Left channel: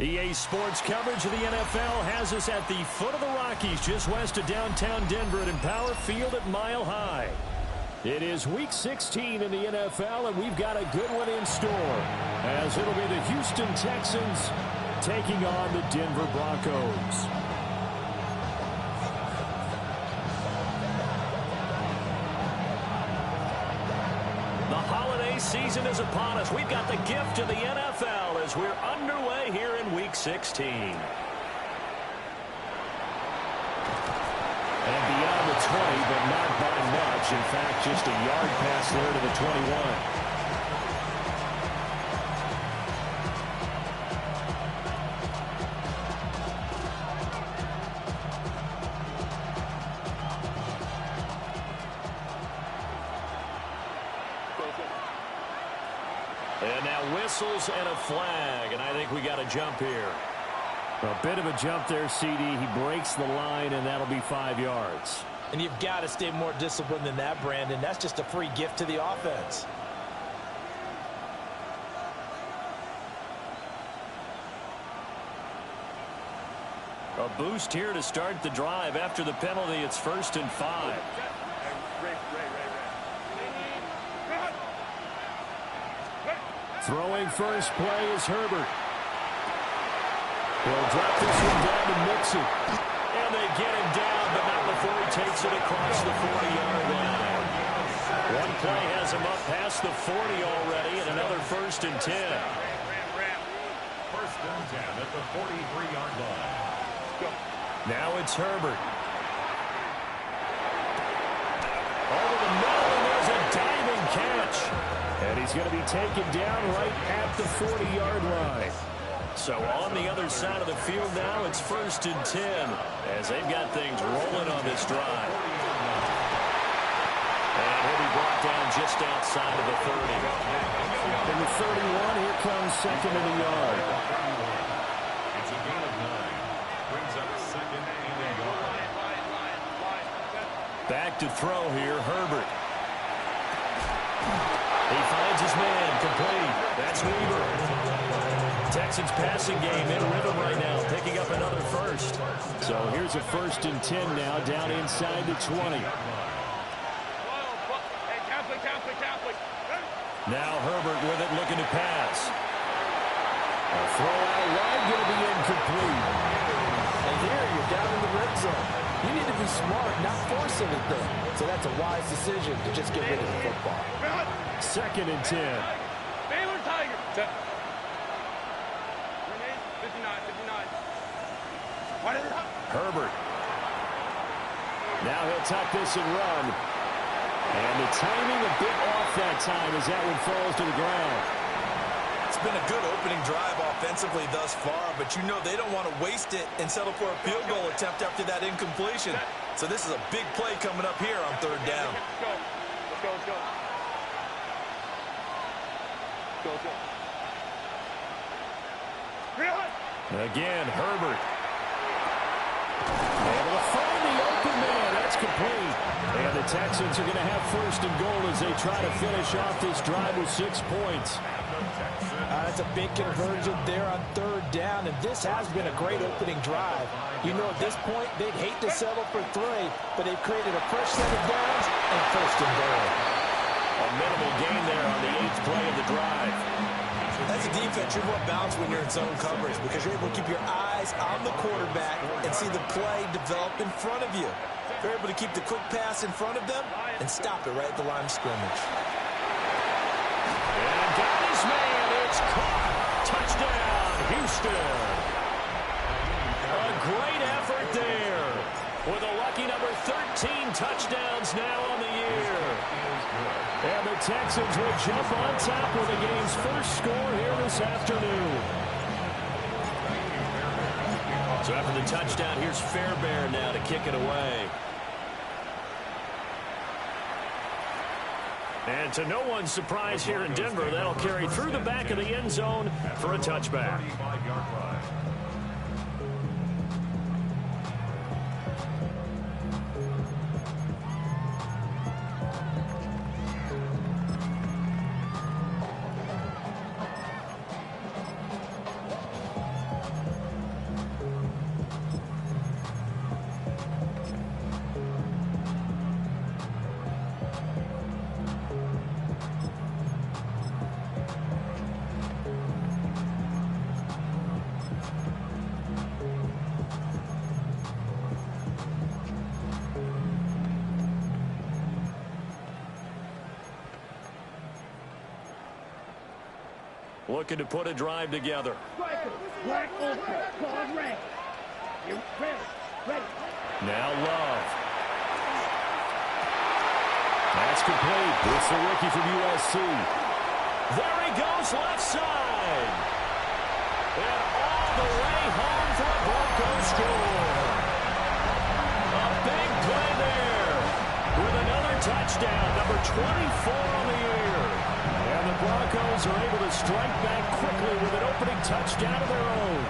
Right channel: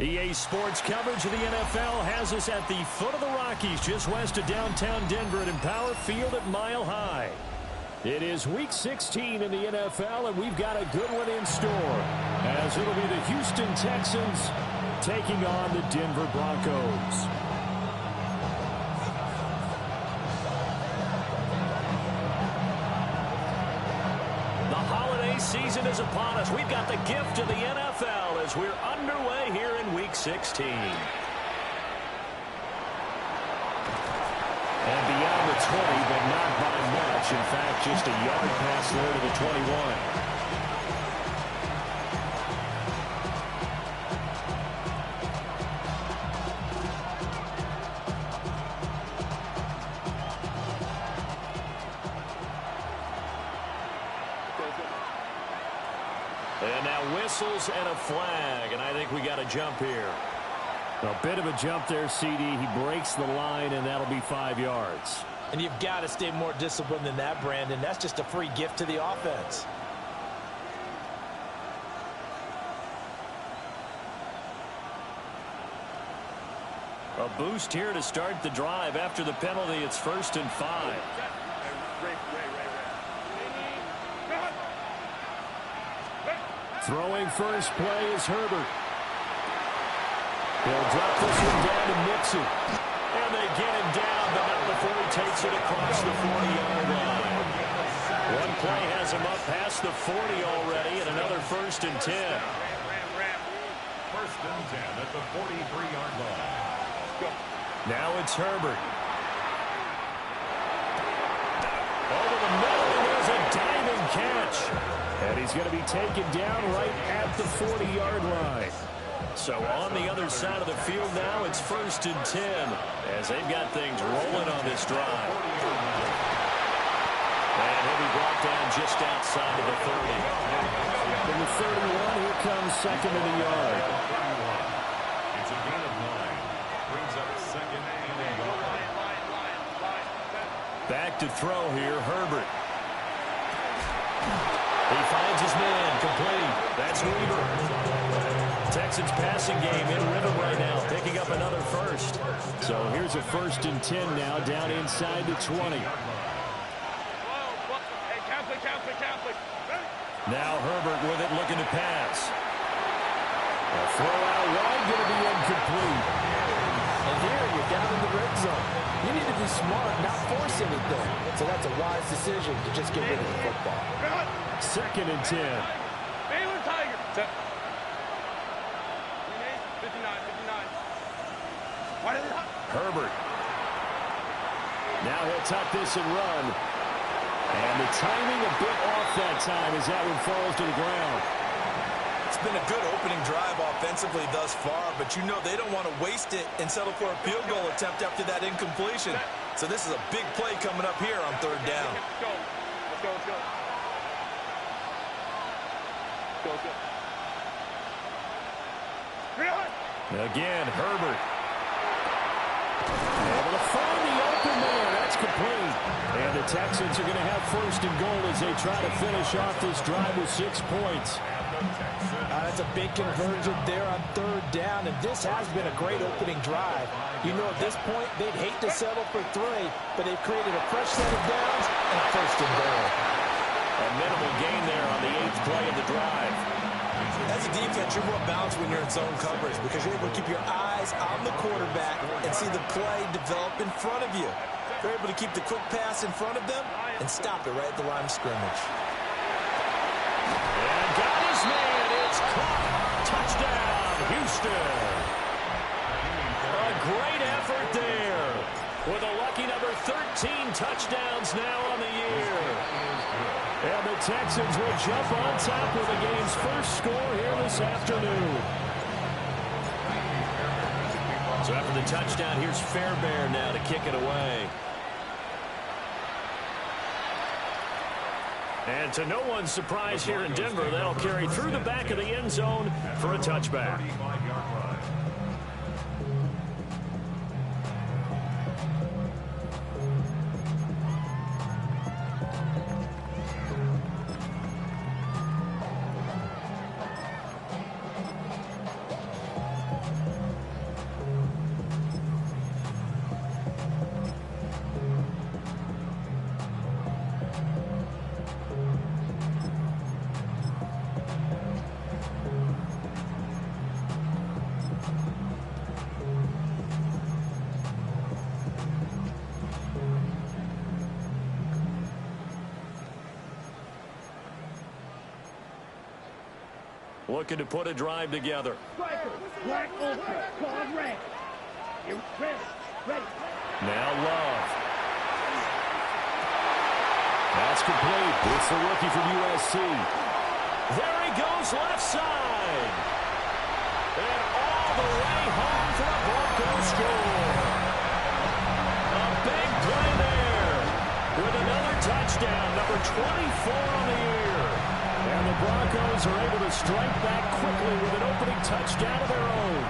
EA Sports coverage of the NFL has us at the foot of the Rockies, just west of downtown Denver at Empower Field at Mile High. It is Week 16 in the NFL, and we've got a good one in store, as it'll be the Houston Texans taking on the Denver Broncos. Season is upon us. We've got the gift of the NFL as we're underway here in Week 16. And beyond the 20, but not by much. In fact, just a yard pass there to the 21. And now whistles and a flag, and I think we got a jump here. A bit of a jump there, CD. He breaks the line, and that'll be 5 yards. And you've got to stay more disciplined than that, Brandon. That's just a free gift to the offense. A boost here to start the drive. After the penalty, it's 1st and 5. Throwing first play is Herbert. He'll drop this one down to Mixon. And they get him down, but not before he takes it across the 40-yard line. One play has him up past the 40 already, and another 1st and 10. 1st and 10 at the 43-yard line. Now it's Herbert. Over the middle, and there's a diving catch. And he's going to be taken down right at the 40-yard line. So on the other side of the field now, it's 1st and 10 as they've got things rolling on this drive. And he'll be brought down just outside of the 30. In the 31, here comes 2nd and a yard. It's a gain of 9. Brings up 2nd and a yard. Back to throw here, Herbert. He finds his man, complete. That's Weaver. Texans passing game in rhythm right now, picking up another first. So here's a 1st and 10 now, down inside the 20. Now Herbert with it, looking to pass. A throw out wide, going to be incomplete. And here you're down in the red zone. You need to be smart, not force anything. So that's a wise decision to just get rid of the football. 2nd and 10. Baylor Tiger. 59. Herbert. Now he'll tuck this and run. And the timing a bit off that time as that one falls to the ground. It's been a good opening drive offensively thus far, but you know they don't want to waste it and settle for a field goal attempt after that incompletion. So this is a big play coming up here on 3rd down. Let's go. Again, Herbert. Able to find the open man. That's complete. And the Texans are going to have 1st and goal as they try to finish off this drive with 6 points. That's a big conversion there on 3rd down, and this has been a great opening drive. You know, at this point, they'd hate to settle for 3, but they've created a fresh set of downs and 1st and goal. A minimal gain there on the 8th play of the drive. As a defense, you're more balanced when you're in zone coverage because you're able to keep your eyes on the quarterback and see the play develop in front of you. You're able to keep the quick pass in front of them and stop it right at the line of scrimmage. And got his man. It's caught. Touchdown, Houston. A great effort there. With a lucky number 13 touchdowns now on the year. And the Texans will jump on top with the game's first score here this afternoon. So after the touchdown, here's Fairbairn now to kick it away. And to no one's surprise here in Denver, that'll carry through the back of the end zone for a touchback. looking to put a drive together. Striker, black ultra, called red. You're ready. Now Love. That's complete. It's the rookie from USC. There he goes, left side. And all the way home for a Broncos score. A big play there with another touchdown, number 24 on the year. And the Broncos are able to strike back quickly with an opening touchdown of their own.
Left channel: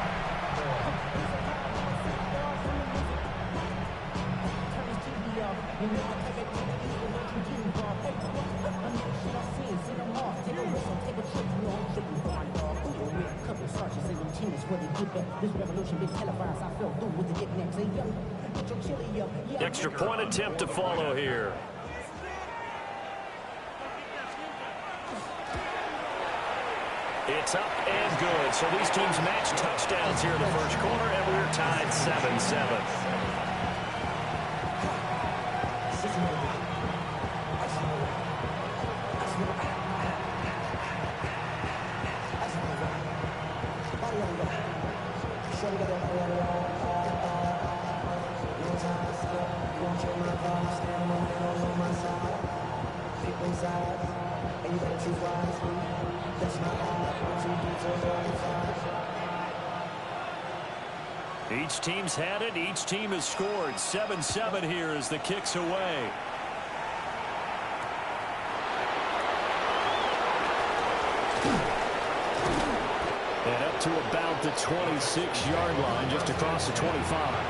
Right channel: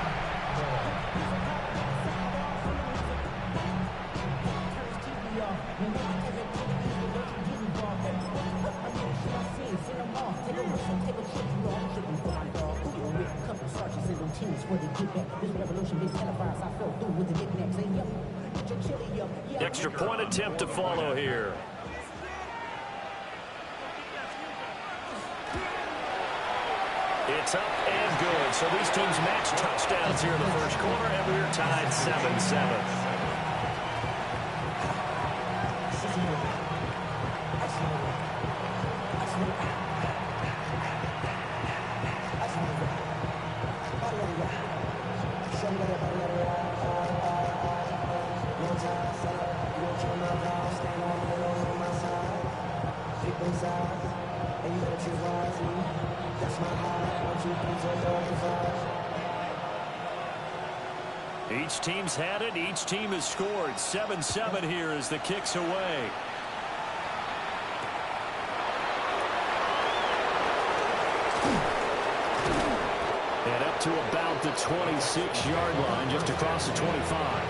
Extra point attempt to follow here. It's up and good. So these teams match touchdowns here in the first quarter, and we're tied 7-7. And you better choose wisely. That's my eye. 1, 2, 3, 4, 5. Each team's had it. Each team has scored. 7-7 here as the kick's away. And up to about the 26-yard line, just across the 25.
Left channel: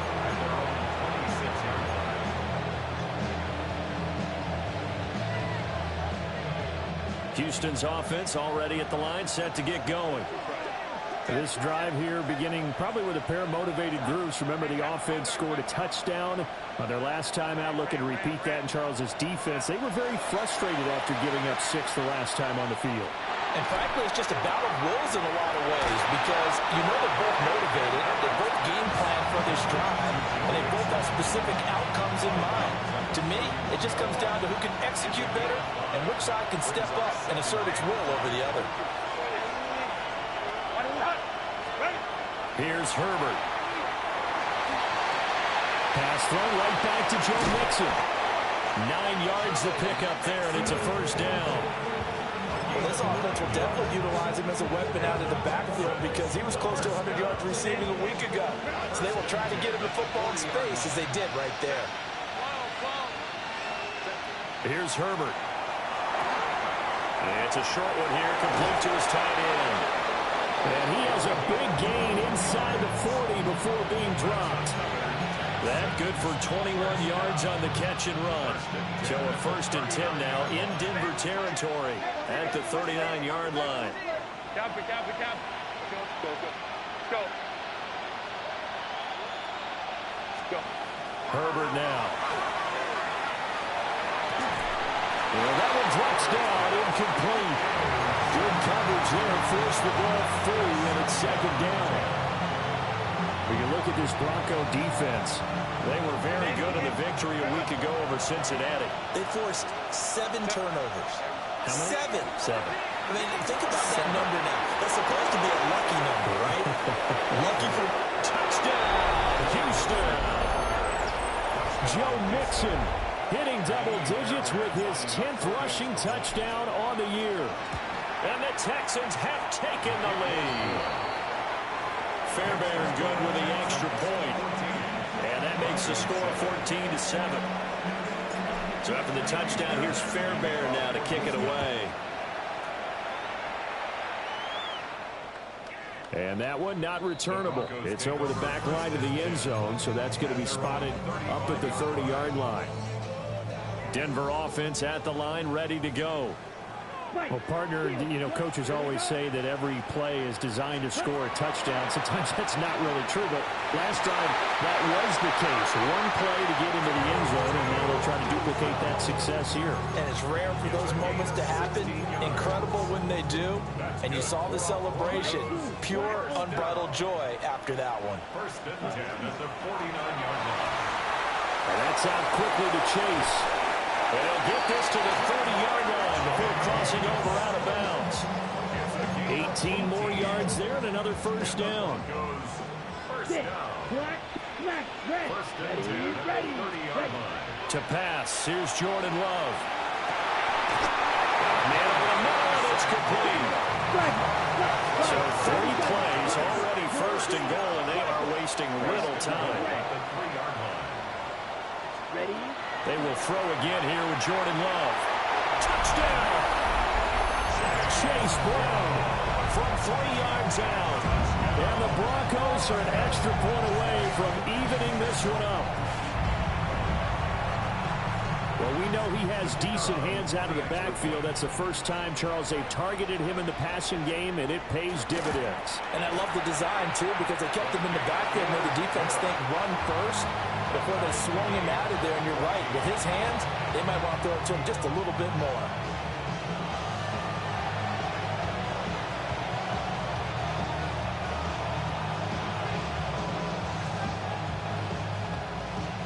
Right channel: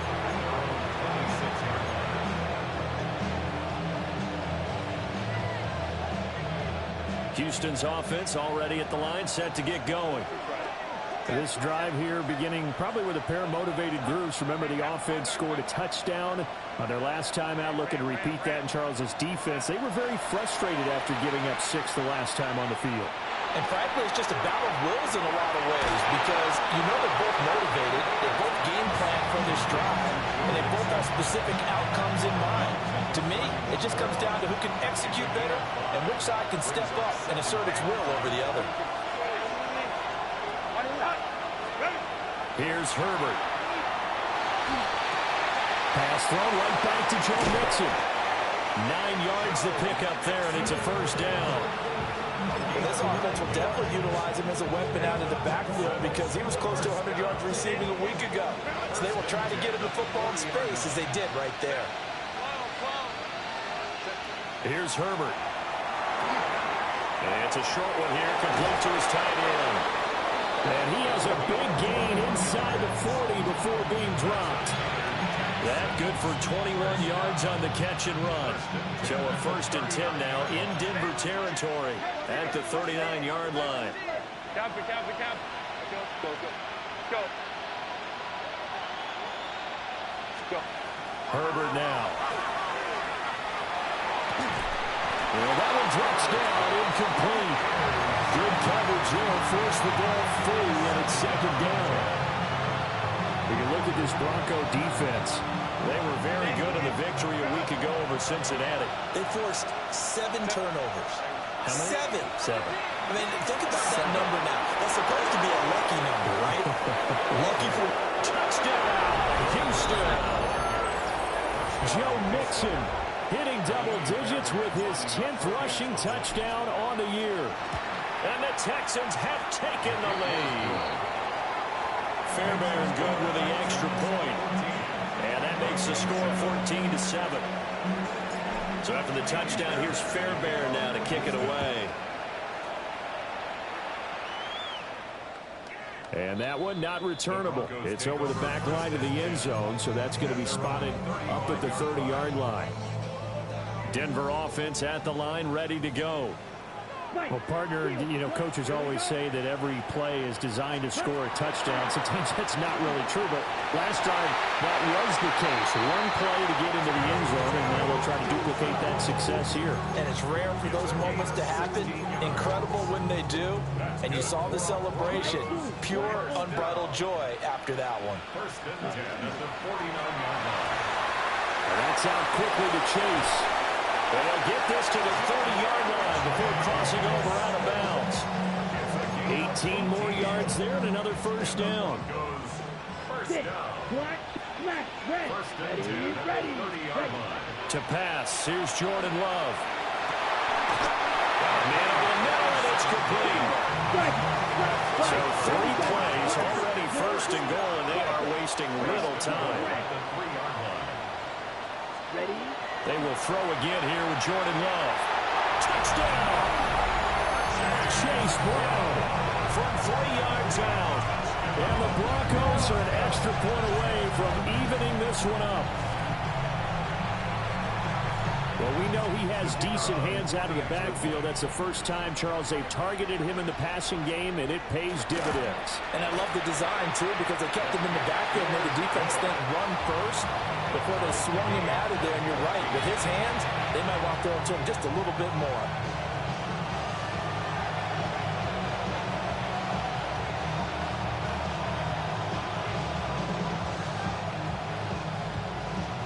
Houston's offense already at the line, set to get going. This drive here beginning probably with a pair of motivated groups. Remember, the offense scored a touchdown on their last time out. Looking to repeat that in Charles's defense. They were very frustrated after giving up 6 the last time on the field. And frankly, it's just a battle of wills in a lot of ways because you know they're both motivated, they both game plan for this drive, and they both have specific outcomes in mind. To me, it just comes down to who can execute better and which side can step up and assert its will over the other. Here's Herbert. Pass thrown right back to Joe Mixon. 9 yards the pickup there, and it's a first down. Well, this offense will definitely utilize him as a weapon out of the backfield because he was close to 100 yards receiving a week ago. So they will try to get him the football in space as they did right there. Here's Herbert. And it's a short one here, complete to his tight end. And he has a big gain inside the 40 before being dropped. That good for 21 yards on the catch and run. So a 1st and 10 now in Denver territory at the 39-yard line. Cap. Let's go. Herbert now. Well, that one drops down, incomplete. Good coverage there, forced the ball free, and it's 2nd down. We can look at this Bronco defense. They were very good in the victory a week ago over Cincinnati. They forced 7 turnovers. How many? 7. I mean, think about that number now. That's supposed to be a lucky number, right? Lucky for touchdown, Houston. Joe Mixon hitting double digits with his 10th rushing touchdown on the year. And the Texans have taken the lead. Fairbairn good with the extra point. And that makes the score 14-7. So after the touchdown, here's Fairbairn now to kick it away. And that one not returnable. It's over the back line of the end zone, so that's going to be spotted up at the 30-yard line. Denver offense at the line, ready to go. Well, partner, you know, coaches always say that every play is designed to score a touchdown. Sometimes that's not really true, but last drive, that was the case. One play to get into the end zone, and now they'll try to duplicate that success here. And it's rare for those moments to happen. Incredible when they do. And you saw the celebration. Pure, unbridled joy after that one. 1st and 10 at the 49-yard line. And that's out quickly to Chase. And he'll get this to the 30-yard line before crossing over out of bounds. 18 more yards there and another first down. First Sit. down. Black. Black. Red. First and Ready. 10 at Ready. the 30-yard line. To pass, here's Jordan Love. Man over the middle, and it's complete. So 3 plays, already first and goal, and they are wasting little time. At the 3-yard line. Ready. They will throw again here with Jordan Love. Touchdown! Chase Brown from 3 yards out. And the Broncos are an extra point away from evening this one up. Well, we know he has decent hands out of the backfield. That's the first time, Charles, they've targeted him in the passing game, and it pays dividends. And I love the design, too, because they kept him in the backfield, made the defense think run first before they swung him out of there. And you're right, with his hands, they might want to throw it to him just a little bit more.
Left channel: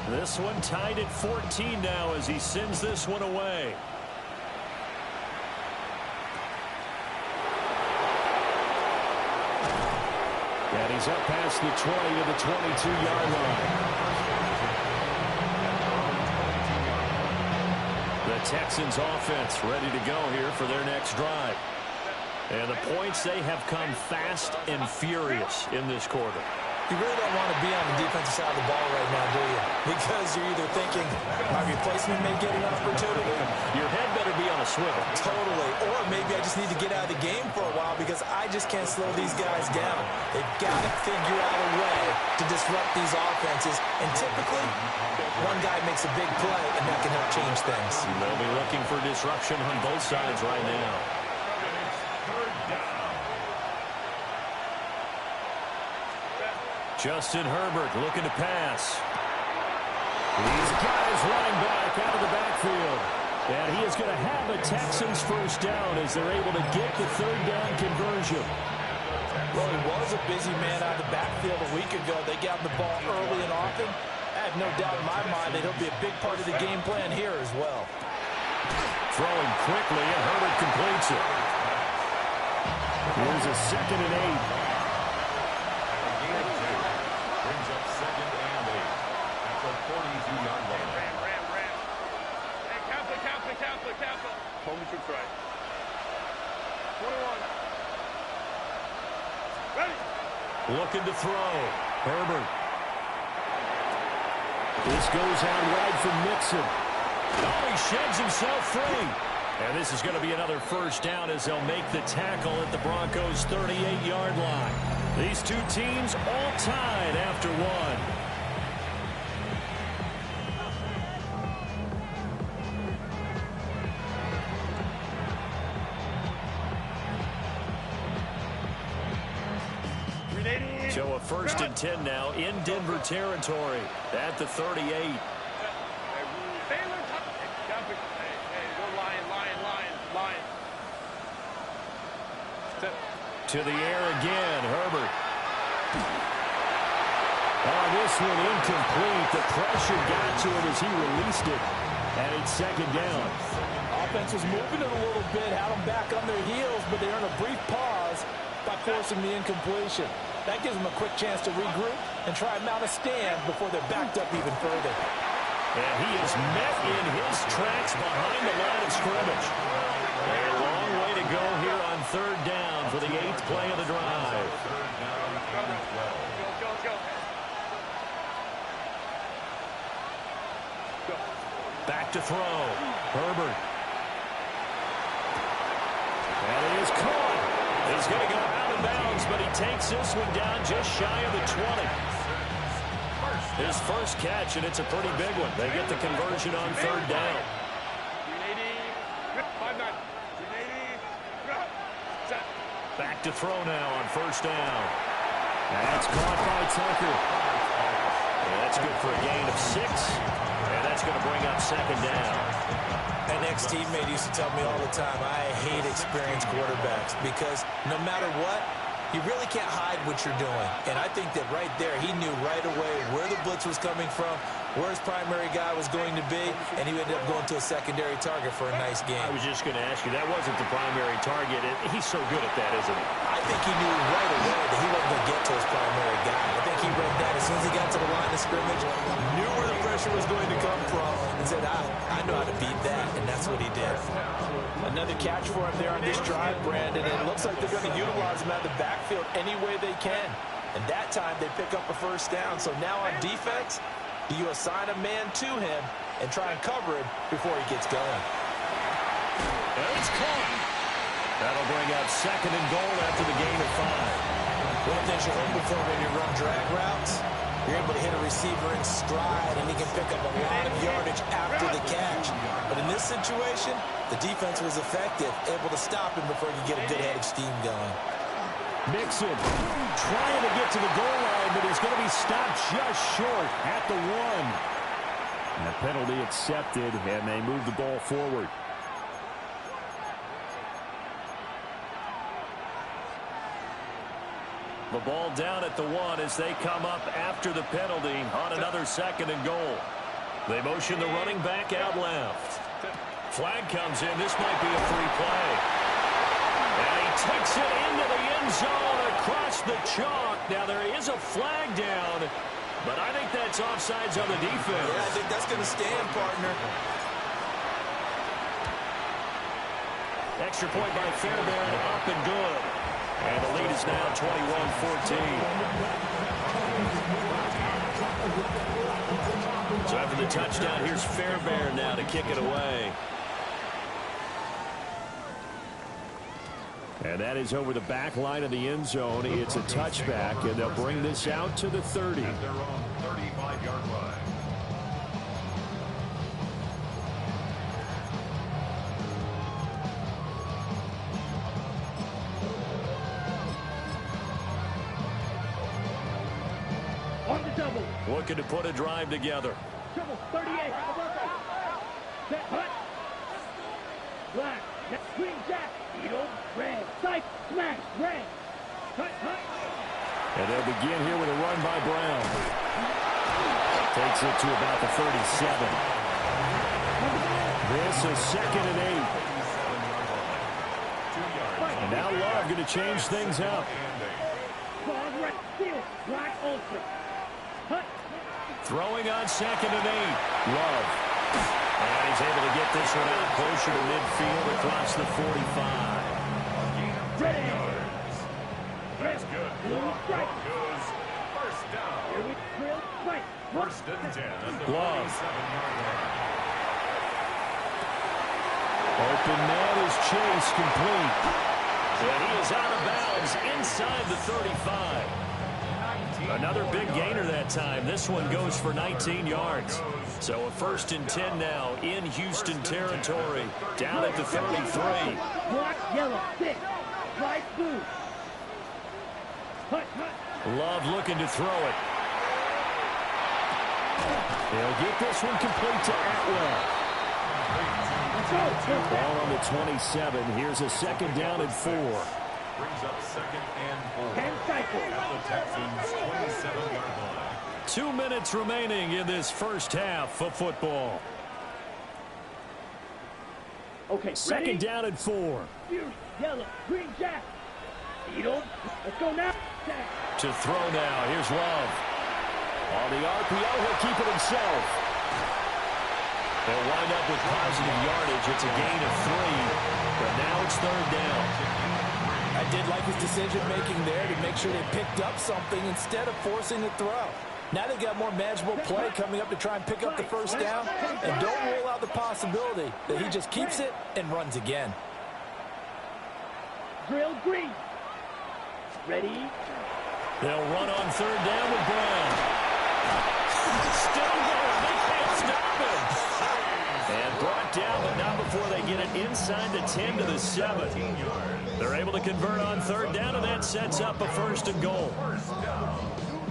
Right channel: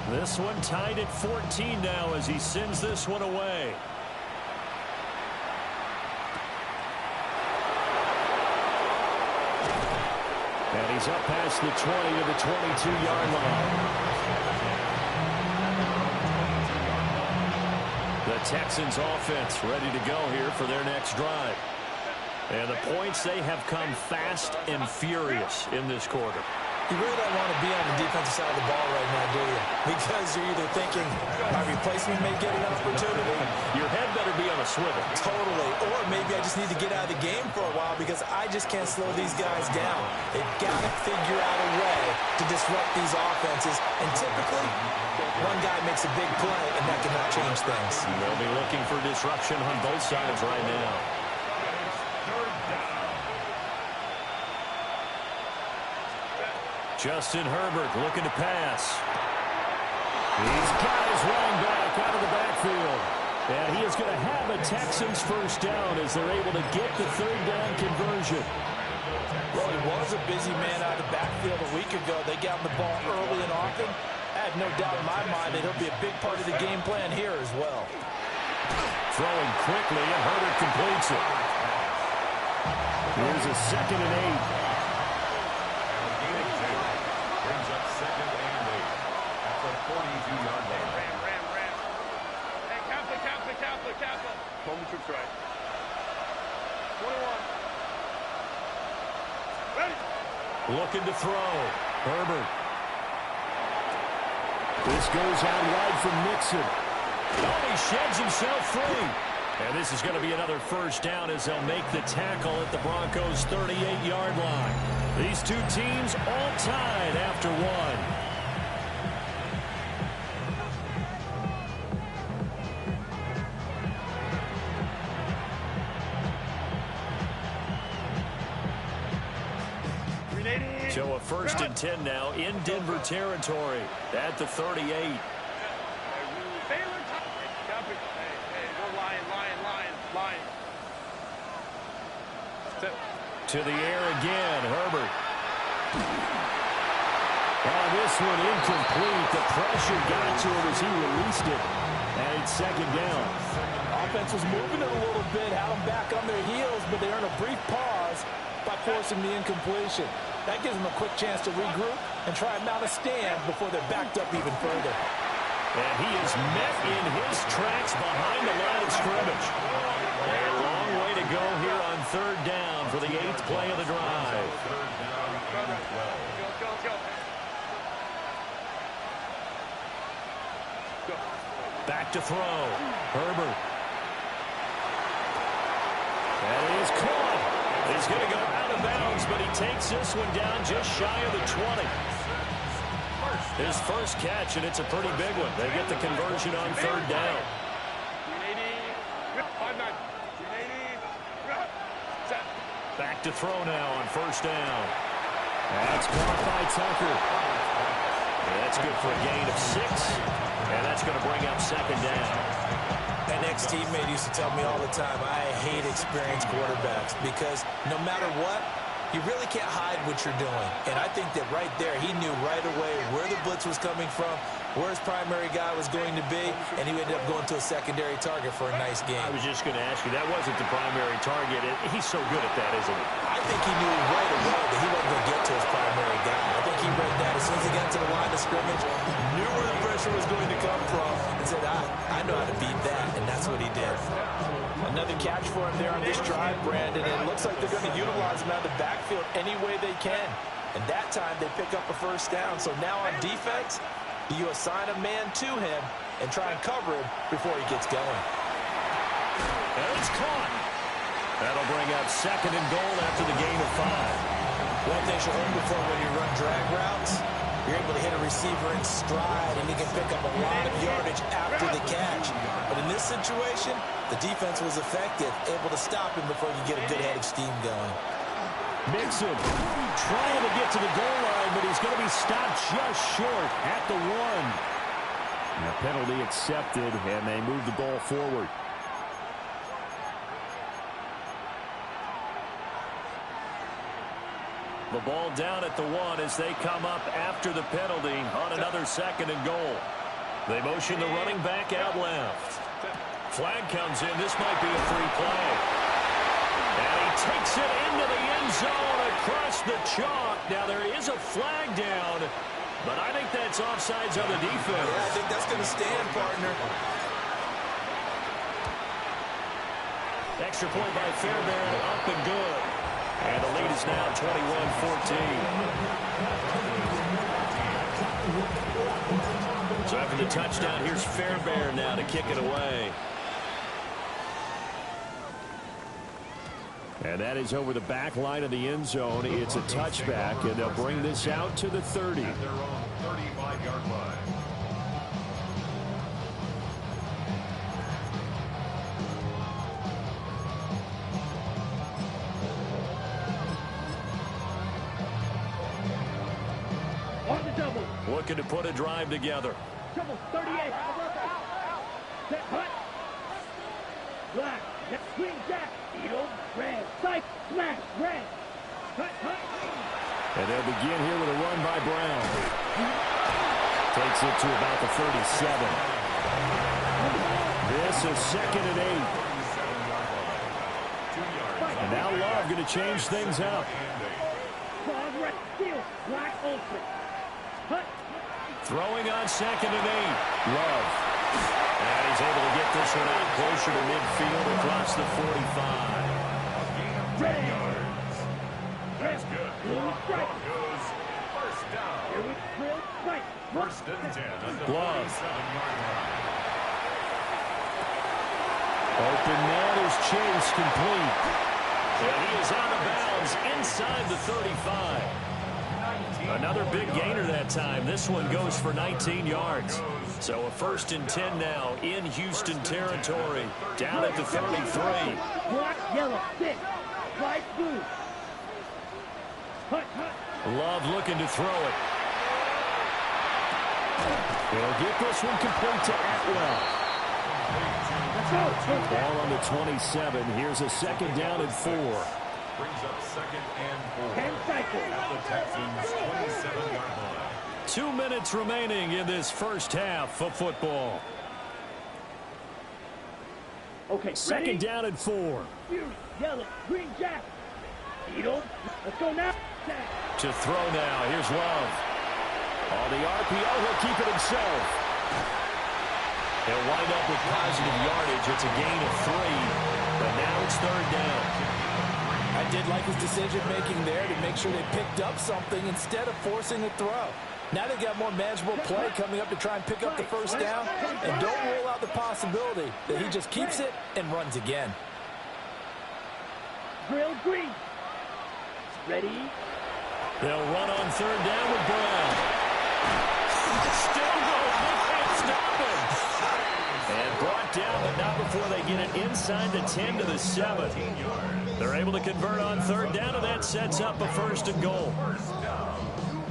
This one tied at 14 now as he sends this one away. And he's up past the 20 to the 22-yard line. The Texans offense ready to go here for their next drive. And the points, they have come fast and furious in this quarter. You really don't want to be on the defensive side of the ball right now, do you? Because you're either thinking, my replacement may get an opportunity. Your head better be on a swivel. Totally. Or maybe I just need to get out of the game for a while because I just can't slow these guys down. They've got to figure out a way to disrupt these offenses. And typically, one guy makes a big play, and that can help change things. They'll be looking for disruption on both sides right now. Third down. Justin Herbert looking to pass. He's got his running back out of the backfield. And he is going to have a Texans first down as they're able to get the third down conversion. Well, he was a busy man out of the backfield a week ago. They got him the ball early and often. I have no doubt in my mind that he'll be a big part of the game plan here as well. Throwing quickly, and Herbert completes it. Here's a 2nd and 8. Brings up 2nd and 8 at the 42-yard line. Ram. Hey, Kappa. Home troops right. 21. Ready. Looking to throw. Herbert. This goes out wide from Mixon. Oh, he sheds himself free. And this is going to be another first down as they'll make the tackle at the Broncos' 38-yard line. These two teams all tied after one. So a 1st and 10 now in Denver territory at the 38. Hey, go lion. Sit. To the air again, Herbert. Oh, this one incomplete. The pressure got to him as he released it. And it's 2nd down. Offense was moving it a little bit, had them back on their heels, but they earned a brief pause by forcing the incompletion. That gives them a quick chance to regroup and try and mount a stand before they're backed up even further. And he is met in his tracks behind the line of scrimmage. A long way to go here on 3rd down for the 8th play of the drive. Third down and 12. Let's go. Go. Back to throw. Herbert. That is caught. He's going to go out of bounds, but he takes this one down just shy of the 20. His first catch, and it's a pretty big one. They get the conversion on 3rd down. 380. 5-9. 380. Set. Back to throw now on 1st down. That's caught by Tucker. Yeah, that's good for a gain of 6. And that's going to bring up 2nd down. An ex-teammate used to tell me all the time, I hate experienced quarterbacks because no matter what, you really can't hide what you're doing. And I think that right there, he knew right away where the blitz was coming from, where his primary guy was going to be, and he ended up going to a secondary target for a nice game. I was just going to ask you, that wasn't the primary target. He's so good at that, isn't he? I think he knew right away that he wasn't going to get to his primary guy. I think he read that as soon as he got to the line of scrimmage, knew where the pressure was going to come from, and said, I know how to beat that, and that's what he did. Another catch for him there on this drive, Brandon, and it looks like they're going to utilize him out of the backfield any way they can. And that time, they pick up a first down. So now on defense, do you assign a man to him and try and cover him before he gets going? And it's caught. That'll bring up 2nd and goal after the gain of 5. One thing you're hoping for when you run drag routes, you're able to hit a receiver in stride, and he can pick up a lot of yardage after the catch. But in this situation, the defense was effective, able to stop him before he could get a good head of steam going. Mixon trying to get to the goal line, but he's going to be stopped just short at the 1. And the penalty accepted, and they move the ball forward. The ball down at the 1 as they come up after the penalty on another 2nd and goal. They motion the running back out left. Flag comes in. This might be a free play. And he takes it into the end zone across the chalk. Now, there is a flag down, but I think that's offsides on the defense. Yeah, I think that's going to stand, partner. Extra point by Fairbairn, up and good. And the lead is now 21-14. So after the touchdown, here's Fairbairn now to kick it away. And that is over the back line of the end zone. It's a touchback, and they'll bring this out to the 30. At their own 35-yard line. On the double. Looking to put a drive together. Double 38. Set hut. Black. Green jack. Eagle. Red. Sight. Smash. Red. Hut. Hut. And they'll begin here with a run by Brown. Takes it to about the 37. This is 2nd and 8. 2 yards. And now Love going to change things up. Claws right. Steel. Black ultra. Hut. Throwing on 2nd and 8. Love. And he's able to get this one out closer to midfield across the 45. Red. That's good. Broncos. First down. Here we drill. Right. 1st and 10 at the Glove. 47-yard line. Open man is chased complete. And he is out of bounds inside the 35. Another big gainer that time. This one goes for 19 yards. So a 1st and 10 now in Houston territory. Down at the 33. Black, yellow, thick. Light blue. Hut, hut. Love looking to throw it. He'll get this one complete to Atwell. Let's go. Ball on the 27. Here's a 2nd down and 4. Brings up 2nd and 4. 10 cycles. At the Texans' 27-yard line. 2 minutes remaining in this first half of football. Okay, 2nd down and 4. Fury, yellow, green jack. Eagle. Let's go now. Jack. To throw now. Here's Love. On the RPO, he'll keep it himself. He'll wind up with positive yardage. It's a gain of 3, but now it's 3rd down. I did like his decision-making there to make sure they picked up something instead of forcing a throw. Now they've got more manageable play coming up to try and pick up the first down, and don't rule out the possibility that he just keeps it and runs again. Drill green. Ready. They'll run on 3rd down with Brown. Still going. They can't stop him. And brought down, but not before they get it inside the 10 to the 7. They're able to convert on 3rd down, and that sets up a 1st and goal.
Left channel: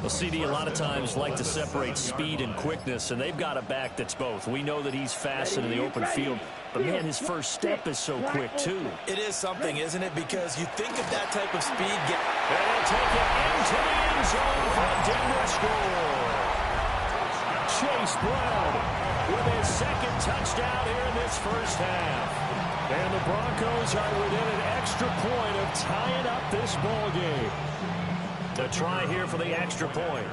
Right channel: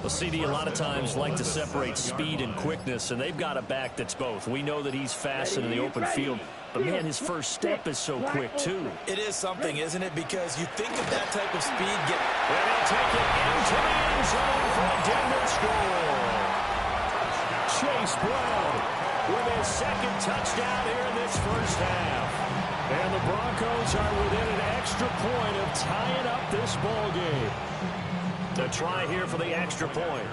Well, CD, a lot of times like to separate speed and quickness, and they've got a back that's both. We know that he's fast in the open field, but, man, his first step is so quick, too. It is something, isn't it? Because you think of that type of speed. And he'll take it into the end zone for a Denver score. Chase Brown with his second touchdown here in this first half. And the Broncos are within an extra point of tying up this ball game. The try here for the extra point.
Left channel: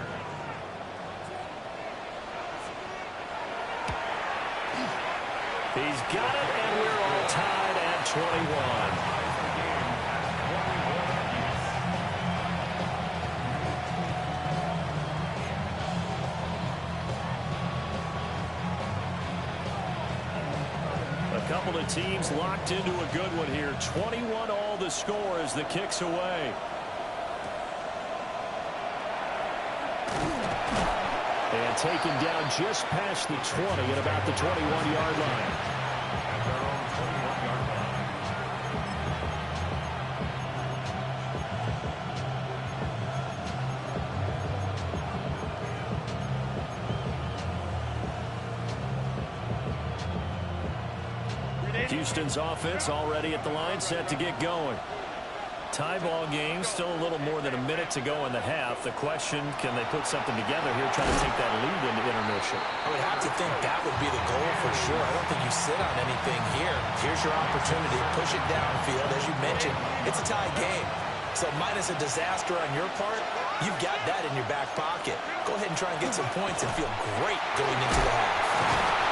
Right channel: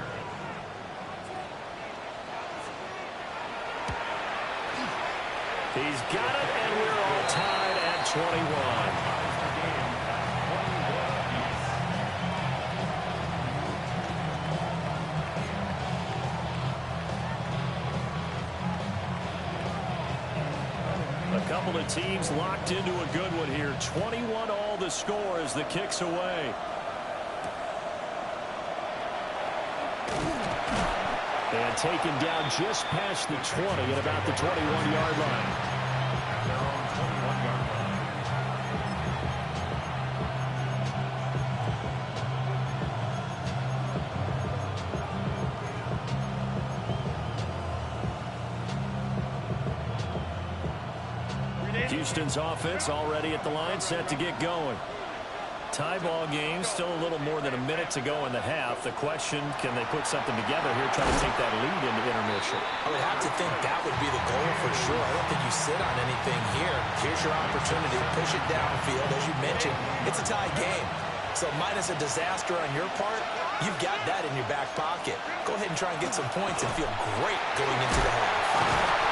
He's got it, and we're all tied at 21. A couple of teams locked into a good one here. 21 all the score as the kick's away. And taken down just past the 20 at about the 21-yard line. At their own 21-yard line. Houston's offense already at the line, set to get going. Tie ball game, still a little more than a minute to go in the half. The question, can they put something together here, try to take that lead into intermission? I would have to think that would be the goal for sure. I don't think you sit on anything here. Here's your opportunity. Push it downfield. As you mentioned, it's a tie game. So minus a disaster on your part, you've got that in your back pocket. Go ahead and try and get some points and feel great going into the half.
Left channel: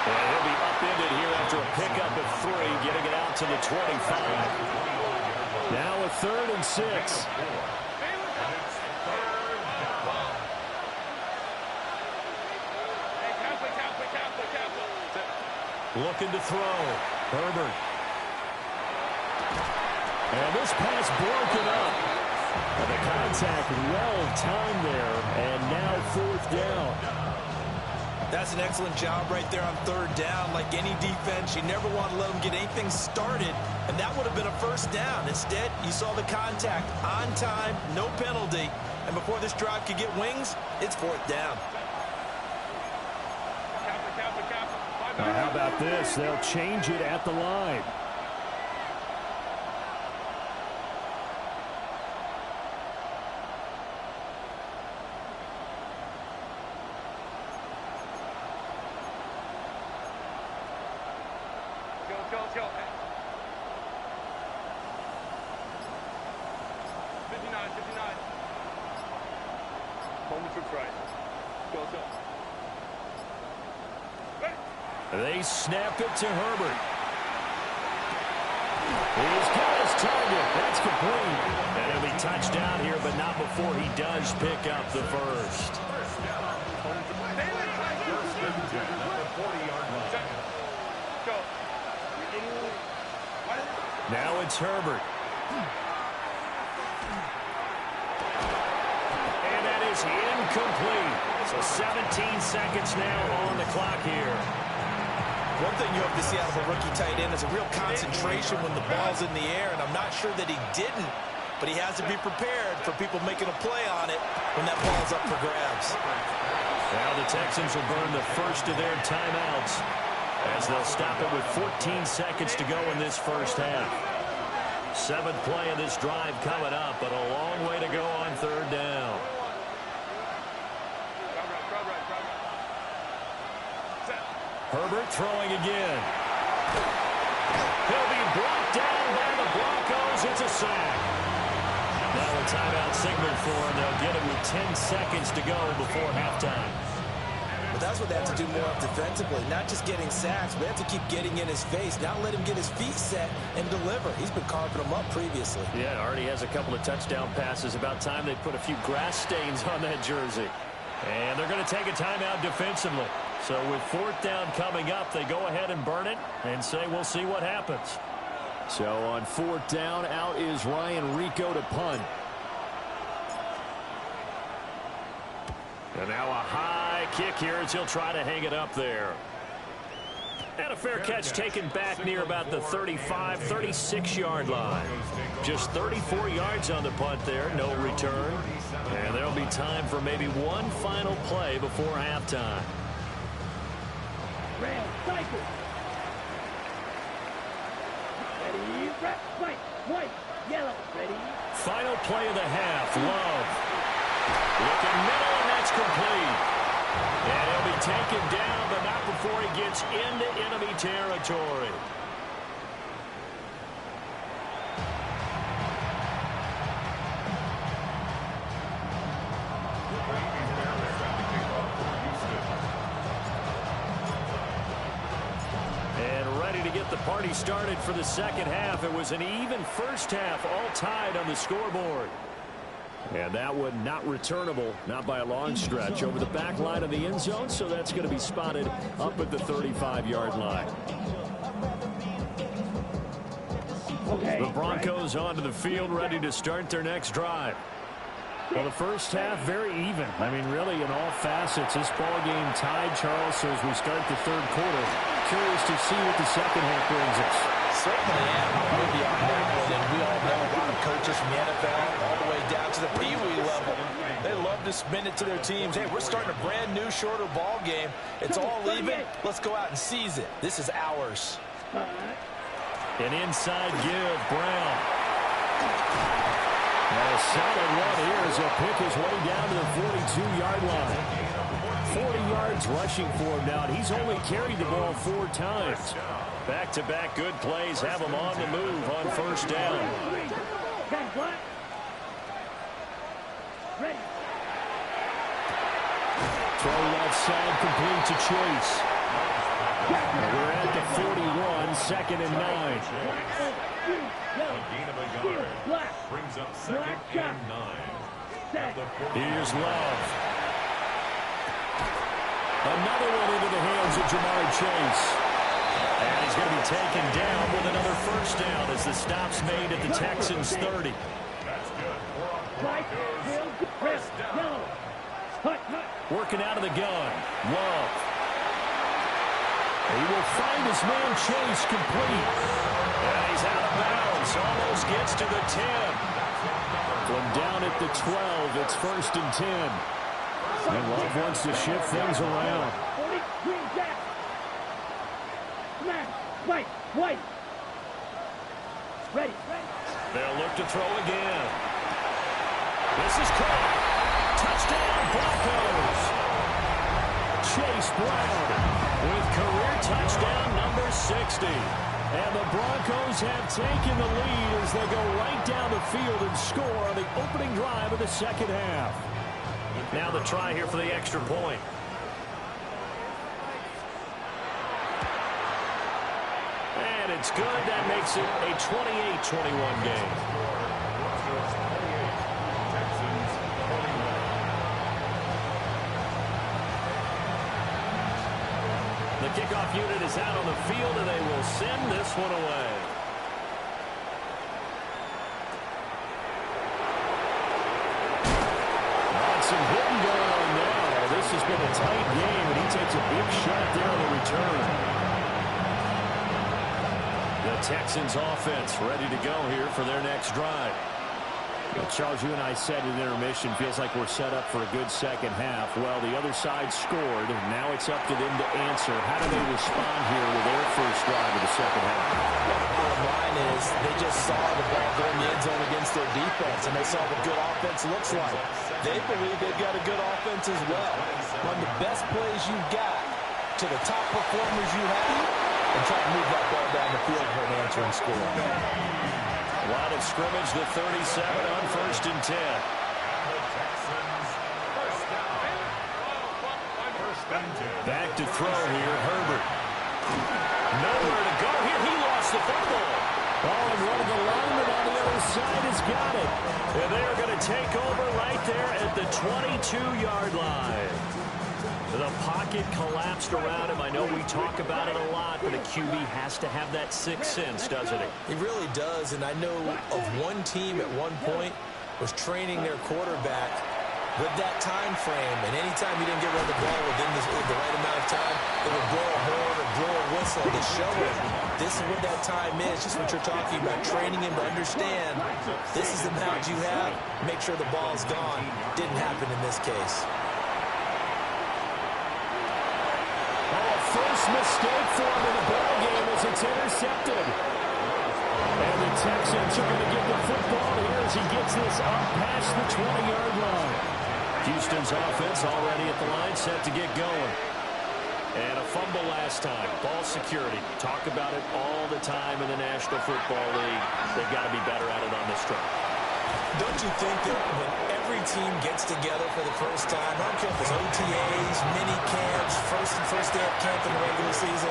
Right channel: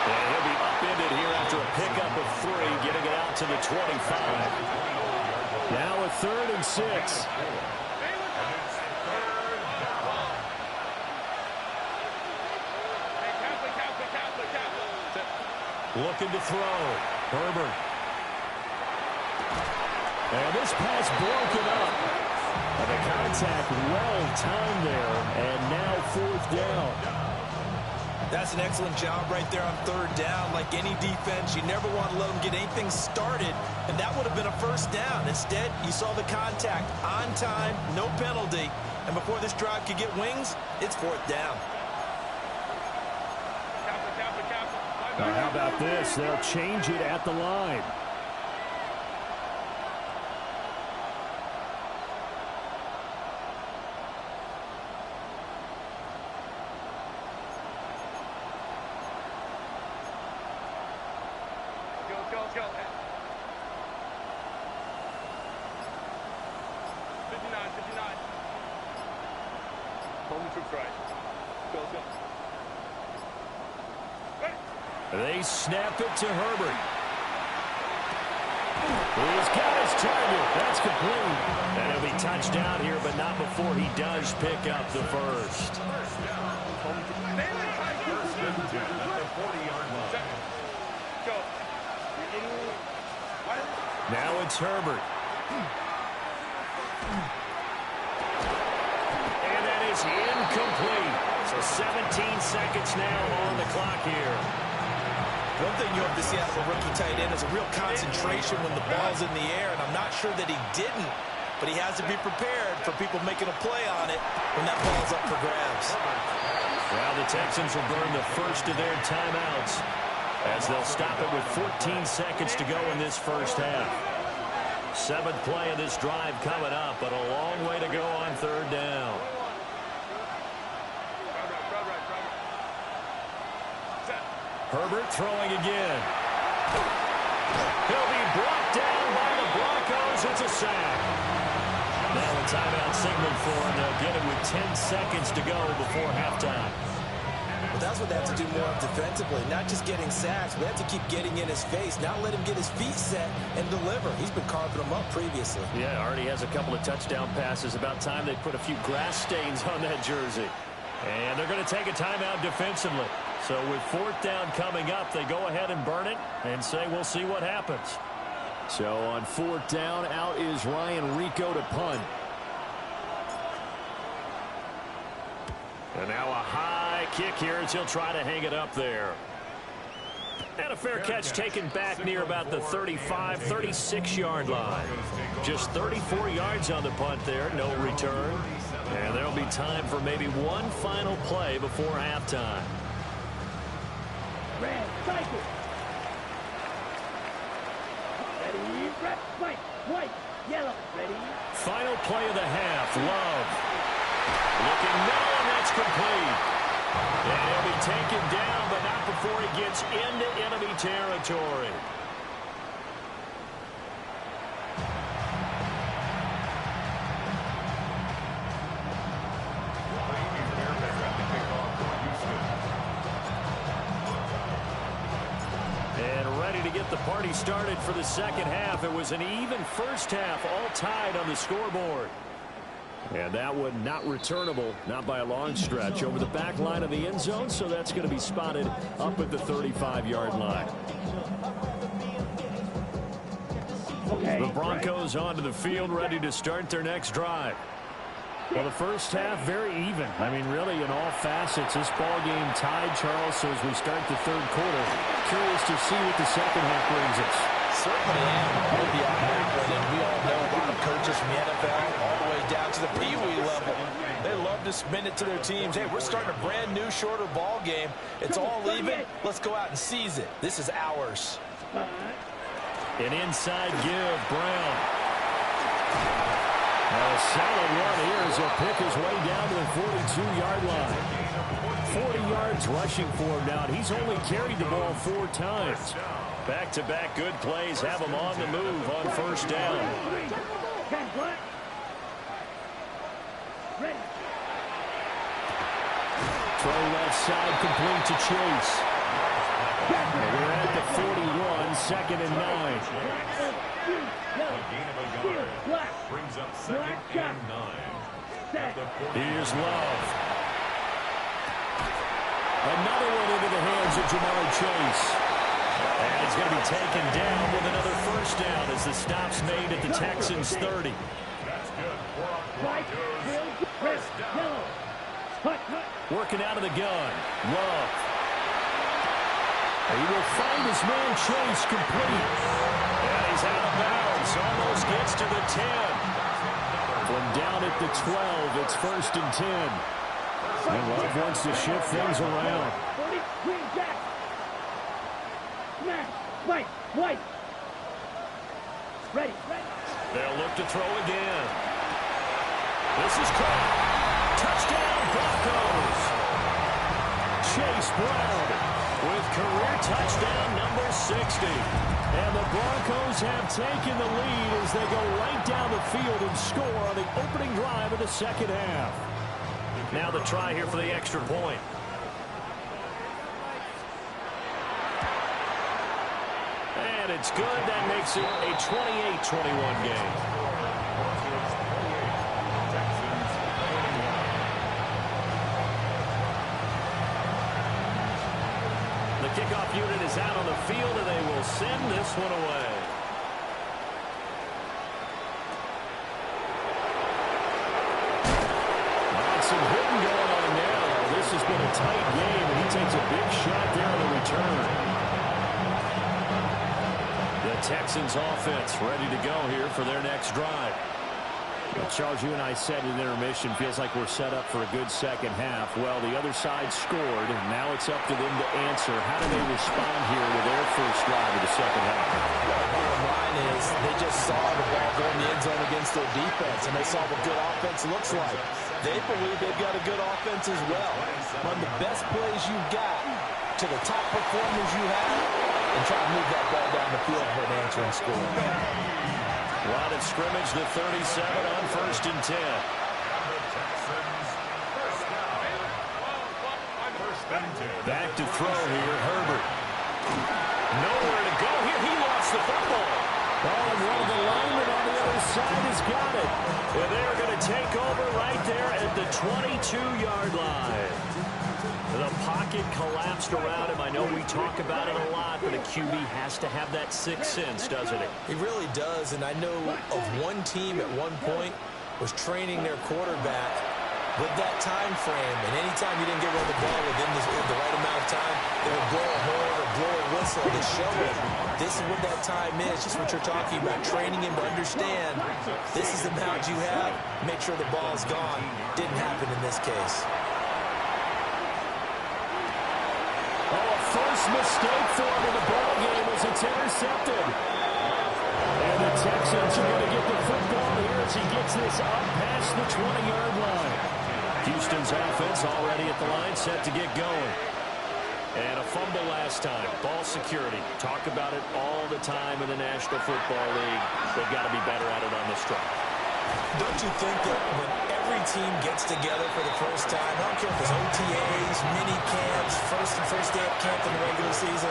And he'll be upended here after a pickup of 3, getting it out to the 25. Now a 3rd and 6. Looking to throw. Herbert. And this pass broken up. And the contact well timed there. And now 4th down. That's an excellent job right there on 3rd down. Like any defense, you never want to let them get anything started, and that would have been a 1st down. Instead, you saw the contact on time, no penalty, and before this drive could get wings, it's 4th down. Now, how about this? They'll change it at the line. Let's go. 59. Home troops right. Let's go. Ready. They snap it to Herbert. He's got his target. That's complete. And he'll be touchdown here, but not before he does pick up the first. First down. First and 10 at the 40-yard line. Go. Now it's Herbert. And that is incomplete. So 17 seconds now on the clock here. One thing you hope to see out of a rookie tight end is a real concentration when the ball's in the air, and I'm not sure that he didn't, but he has to be prepared for people making a play on it when that ball's up for grabs. Now the Texans will burn the first of their timeouts as they'll stop it with 14 seconds to go in this first half. 7th play of this drive coming up, but a long way to go on 3rd down. Herbert throwing again. He'll be brought down by the Broncos. It's a sack. Now a timeout signal for him. They'll get it with 10 seconds to go before halftime. But that's what they have to do more of defensively, not just getting sacks, but they have to keep getting in his face, not let him get his feet set and deliver. He's been carving them up previously. Yeah, already has a couple of touchdown passes. About time they put a few grass stains on that jersey. And they're going to take a timeout defensively. So with 4th down coming up, they go ahead and burn it and say we'll see what happens. So on 4th down, out is Ryan Rico to punt. And now a high kick here as he'll try to hang it up there. And a fair catch taken back near about the 35, 36-yard line. Just 34 yards on the punt there, no return. And there'll be time for maybe one final play before halftime. Red, cycle. Ready, red, white, yellow, ready. Final play of the half, Love. Looking middle, and that's complete. And he'll be taken down, but not before he gets into enemy territory. And ready to get the party started for the second half. It was an even first half, all tied on the scoreboard. And that one not returnable, not by a long stretch, over the back line of the end zone, so that's going to be spotted up at the 35-yard line. The Broncos onto the field, ready to start their next drive. Well, the first half, very even. I mean, really, in all facets, this ball game tied, Charles. So as we start the third quarter, curious to see what the second half brings us. Certainly am with you on that one, and we all know a lot of coaches from the NFL all the way down to the Pee Wee level. They love to spin it to their teams. Hey, we're starting a brand new, shorter ball game. It's all even. Let's go out and seize it. This is ours. An inside give, Brown. And a solid run here as he'll pick his way down to the 42-yard line. 40 yards rushing for him now, and he's only carried the ball 4 times. Back-to-back good plays have him on the move on first down. Throw left side, complete to Chase. And we're at the 41, 2nd and 9. A gain of a yard. Brings up 2nd and 9. Here's Love. Another one into the hands of Jamar Chase. And he's going to be taken down with another first down as the stop's made at the Texans' 30. That's good. Broncos. First down. Working out of the gun. Love. He will find his man Chase complete. And he's out of bounds. Almost gets to the 10. From down at the 12, it's 1st and 10. And Love wants to shift things around. White. Ready. They'll look to throw again. This is caught. Touchdown, Broncos. Chase Brown with career touchdown number 60. And the Broncos have taken the lead as they go right down the field and score on the opening drive of the second half. Now the try here for the extra point. And it's good. That makes it a 28-21 game. Broncos 28. Texans 21. The kickoff unit is out on the field, and they will send this one away. Some hitting going on now. This has been a tight game, and he takes a big shot there on the return. The Texans offense ready to go here for their next drive. Well, Charles, you and I said in intermission, feels like we're set up for a good second half. Well, the other side scored, and now it's up to them to answer. How do they respond here with their first drive of the second half? Well, the bottom line is they just saw the ball go in the end zone against their defense, and they saw what good offense looks like. They believe they've got a good offense as well. Run the best plays you've got to the top performers you have, and try to move that ball down the field for an answering score. Line of scrimmage, the 37 on 1st and 10. Back to throw here, Herbert. Nowhere to go here. He lost the football. Oh, and one of the linemen on the other side has got it. And they're going to take over right there at the 22-yard line. The pocket collapsed around him. I know we talk about it a lot, but a QB has to have that sixth sense, doesn't he? He really does, and I know of one team at one point was training their quarterback with that time frame, and anytime you didn't get rid of the ball within the right amount of time, they would blow a horn or blow a whistle to show him this is what that time is, just what you're talking about, training him to understand this is the amount you have, make sure the ball's gone. Didn't happen in this case. Oh, a first mistake for him in the ball game as it's intercepted. And the Texans are going to get the football here as he gets this up past the 20-yard line. Houston's offense already at the line, set to get going. And a fumble last time. Ball security. Talk about it all the time in the National Football League. They've got to be better at it on this drive. Don't you think that when every team gets together for the first time, I don't care if it's OTAs, mini camps, first day of camp in the regular season,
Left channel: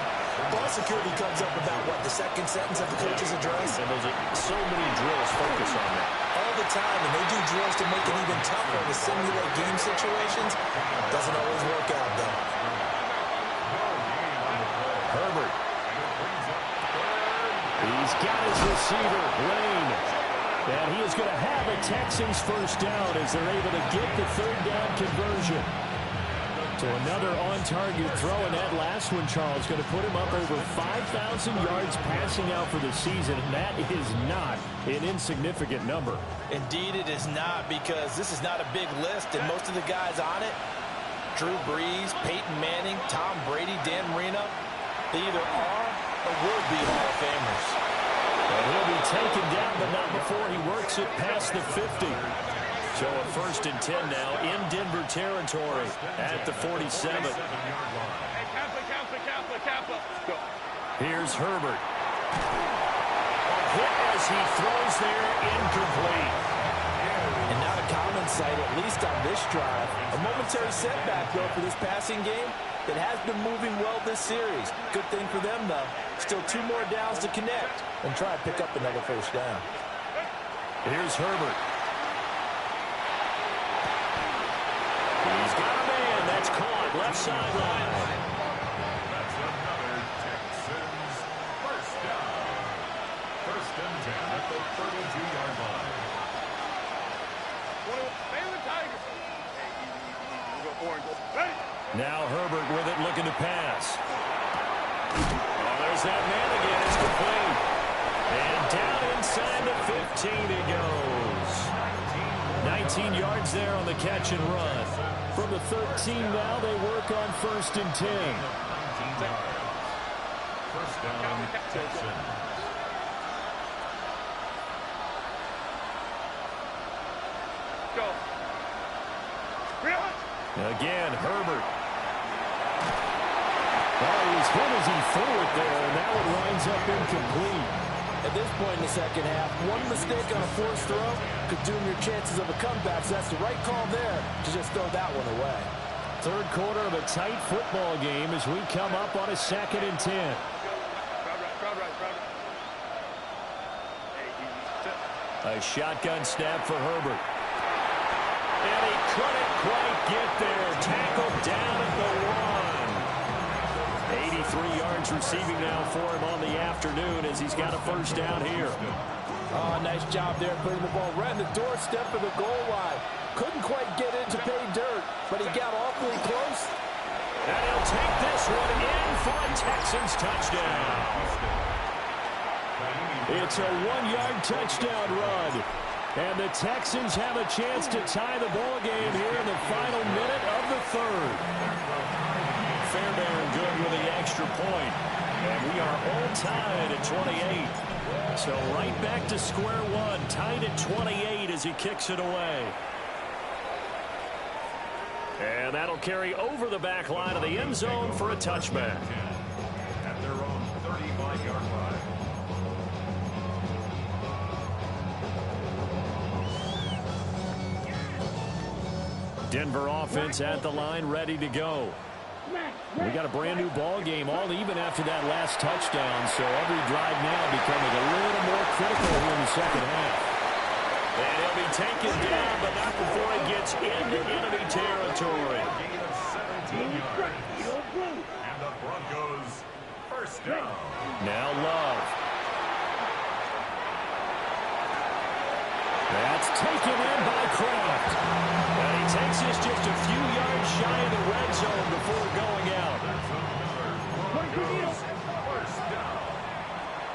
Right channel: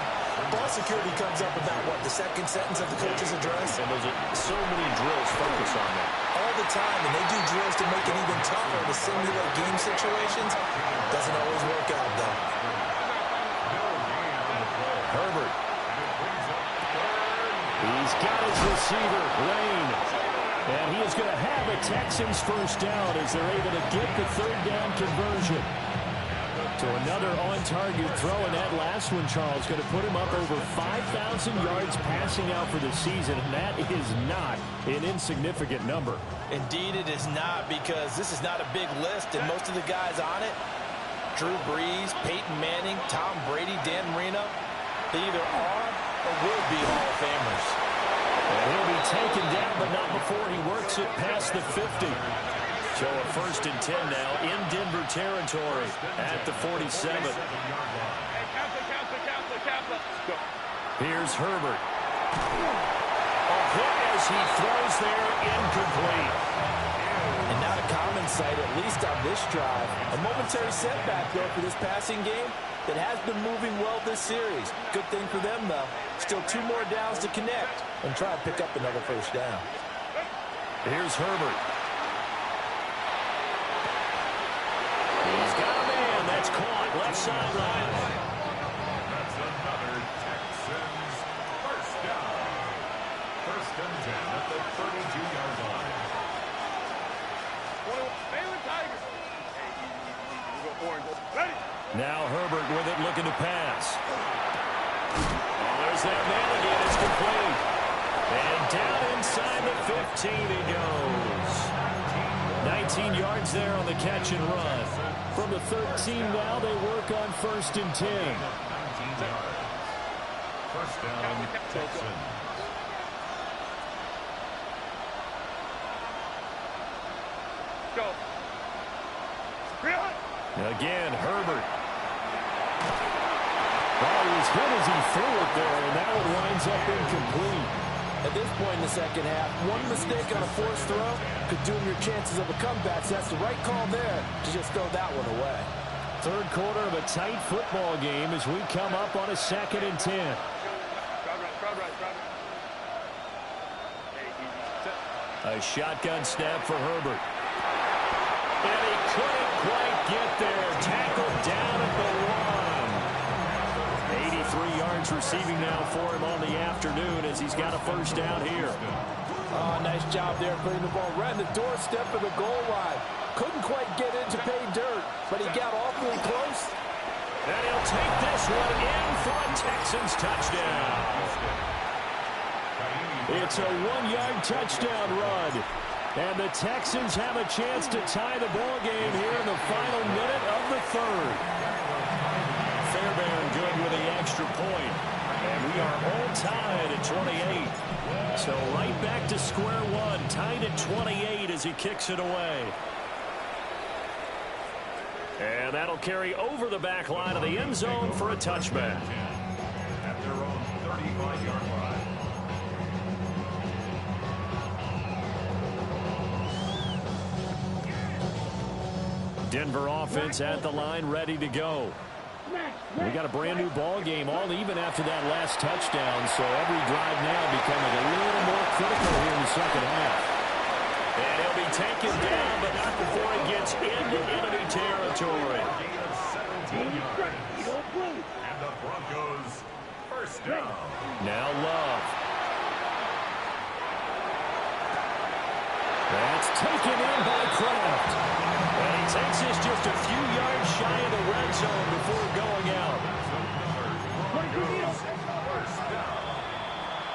ball security comes up about, what, the second sentence of the coach's address? And those are so many drills focus on that. All the time, and they do drills to make it even tougher to simulate game situations. Doesn't always work out, though. Herbert. He's got his receiver, Lane. And he is going to have a Texans first down as they're able to get the third down conversion. So another on-target throw, and that last one, Charles, going to put him up over 5,000 yards passing out for the season, and that is not an insignificant number. Indeed it is not, because this is not a big list, and most of the guys on it, Drew Brees, Peyton Manning, Tom Brady, Dan Marino, they either are or will be Hall of Famers. And he'll be taken down, but not before he works it past the 50. So a 1st and 10 now in Denver territory at the 47. Hey, Kappa. Go. Here's Herbert. A hit as he throws there, incomplete. And not a common sight, at least on this drive. A momentary setback, though, for this passing game that has been moving well this series. Good thing for them, though. Still 2 more downs to connect and try to pick up another first down. Here's Herbert. He's got a man. That's caught. Left sideline. That's another Texans first down. 1st and 10 at the 32-yard line. Baylor Tigers. Hey, easy. We'll go orange. Ready. Now Herbert with it, looking to pass. Oh, there's that man again. It's complete. And down inside the 15 he goes. 19 yards there on the catch and run. From the 13 now, they work on 1st and 10. 19 yards. First down, Texans. Go. Again, Herbert. Oh, he was hit as he threw it there, and that one winds up incomplete. At this point in the second half, one mistake on a forced throw could doom your chances of a comeback. So that's the right call there to just throw that one away. Third quarter of a tight football game as we come up on a 2nd and 10. Crowd right. Hey, easy. Set. A shotgun snap for Herbert. And he couldn't quite get there. Tackled down at the 1. 83 yards receiving now for him on the afternoon as he's got a first down here. Oh, nice job there putting the ball right in the doorstep of the goal line. Couldn't quite get it to pay dirt, but he got awfully close. And he'll take this one in for a Texans touchdown. It's a 1-yard touchdown run. And the Texans have a chance to tie the ball game here in the final minute of the 3rd. Fairbairn good with the extra point. And we are all tied at 28. So right back to square one, tied at 28 as he kicks it away. And that'll carry over the back line of the end zone for a touchback. At their own 35-yard line. Denver offense at the line, ready to go. We got a brand new ball game, all even after that last touchdown, so every drive now becoming a little more critical here in the second half. And he'll be taken down, but not before he gets into enemy territory. Gain of 17 yards. And the Broncos first down. Now Love. That's taken in by Kraft. And he takes this just a few yards shy of the red zone before going out. That's another Broncos first down.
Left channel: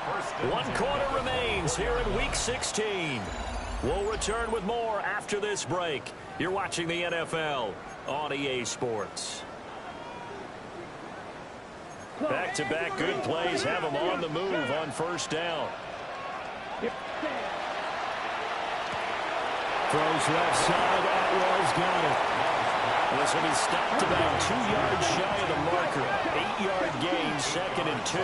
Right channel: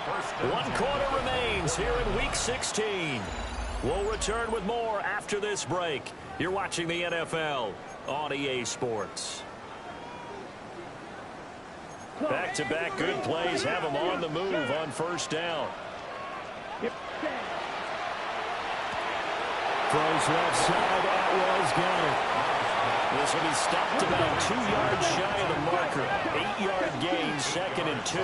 First and 1 quarter remains here in Week 16. We'll return with more after this break. You're watching the NFL on EA Sports. Back-to-back good plays have them on the move on first down. Throws left side. Atwell's got it. This will be stopped about 2 yards shy of the marker. 8-yard gain, 2nd and 2.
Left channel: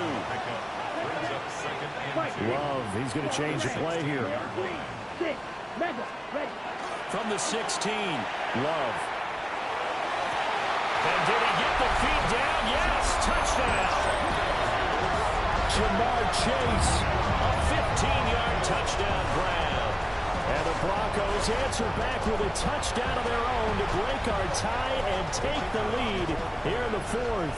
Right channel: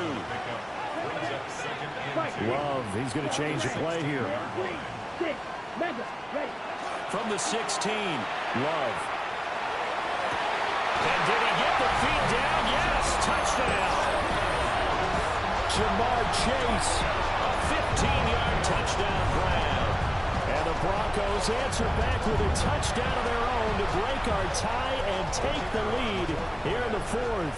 Love, he's going to change the play here. From the 16, Love. And did he get the feet down? Yes, touchdown. Jamar Chase, a 15-yard touchdown grab. And the Broncos answer back with a touchdown of their own to break our tie and take the lead here in the 4th.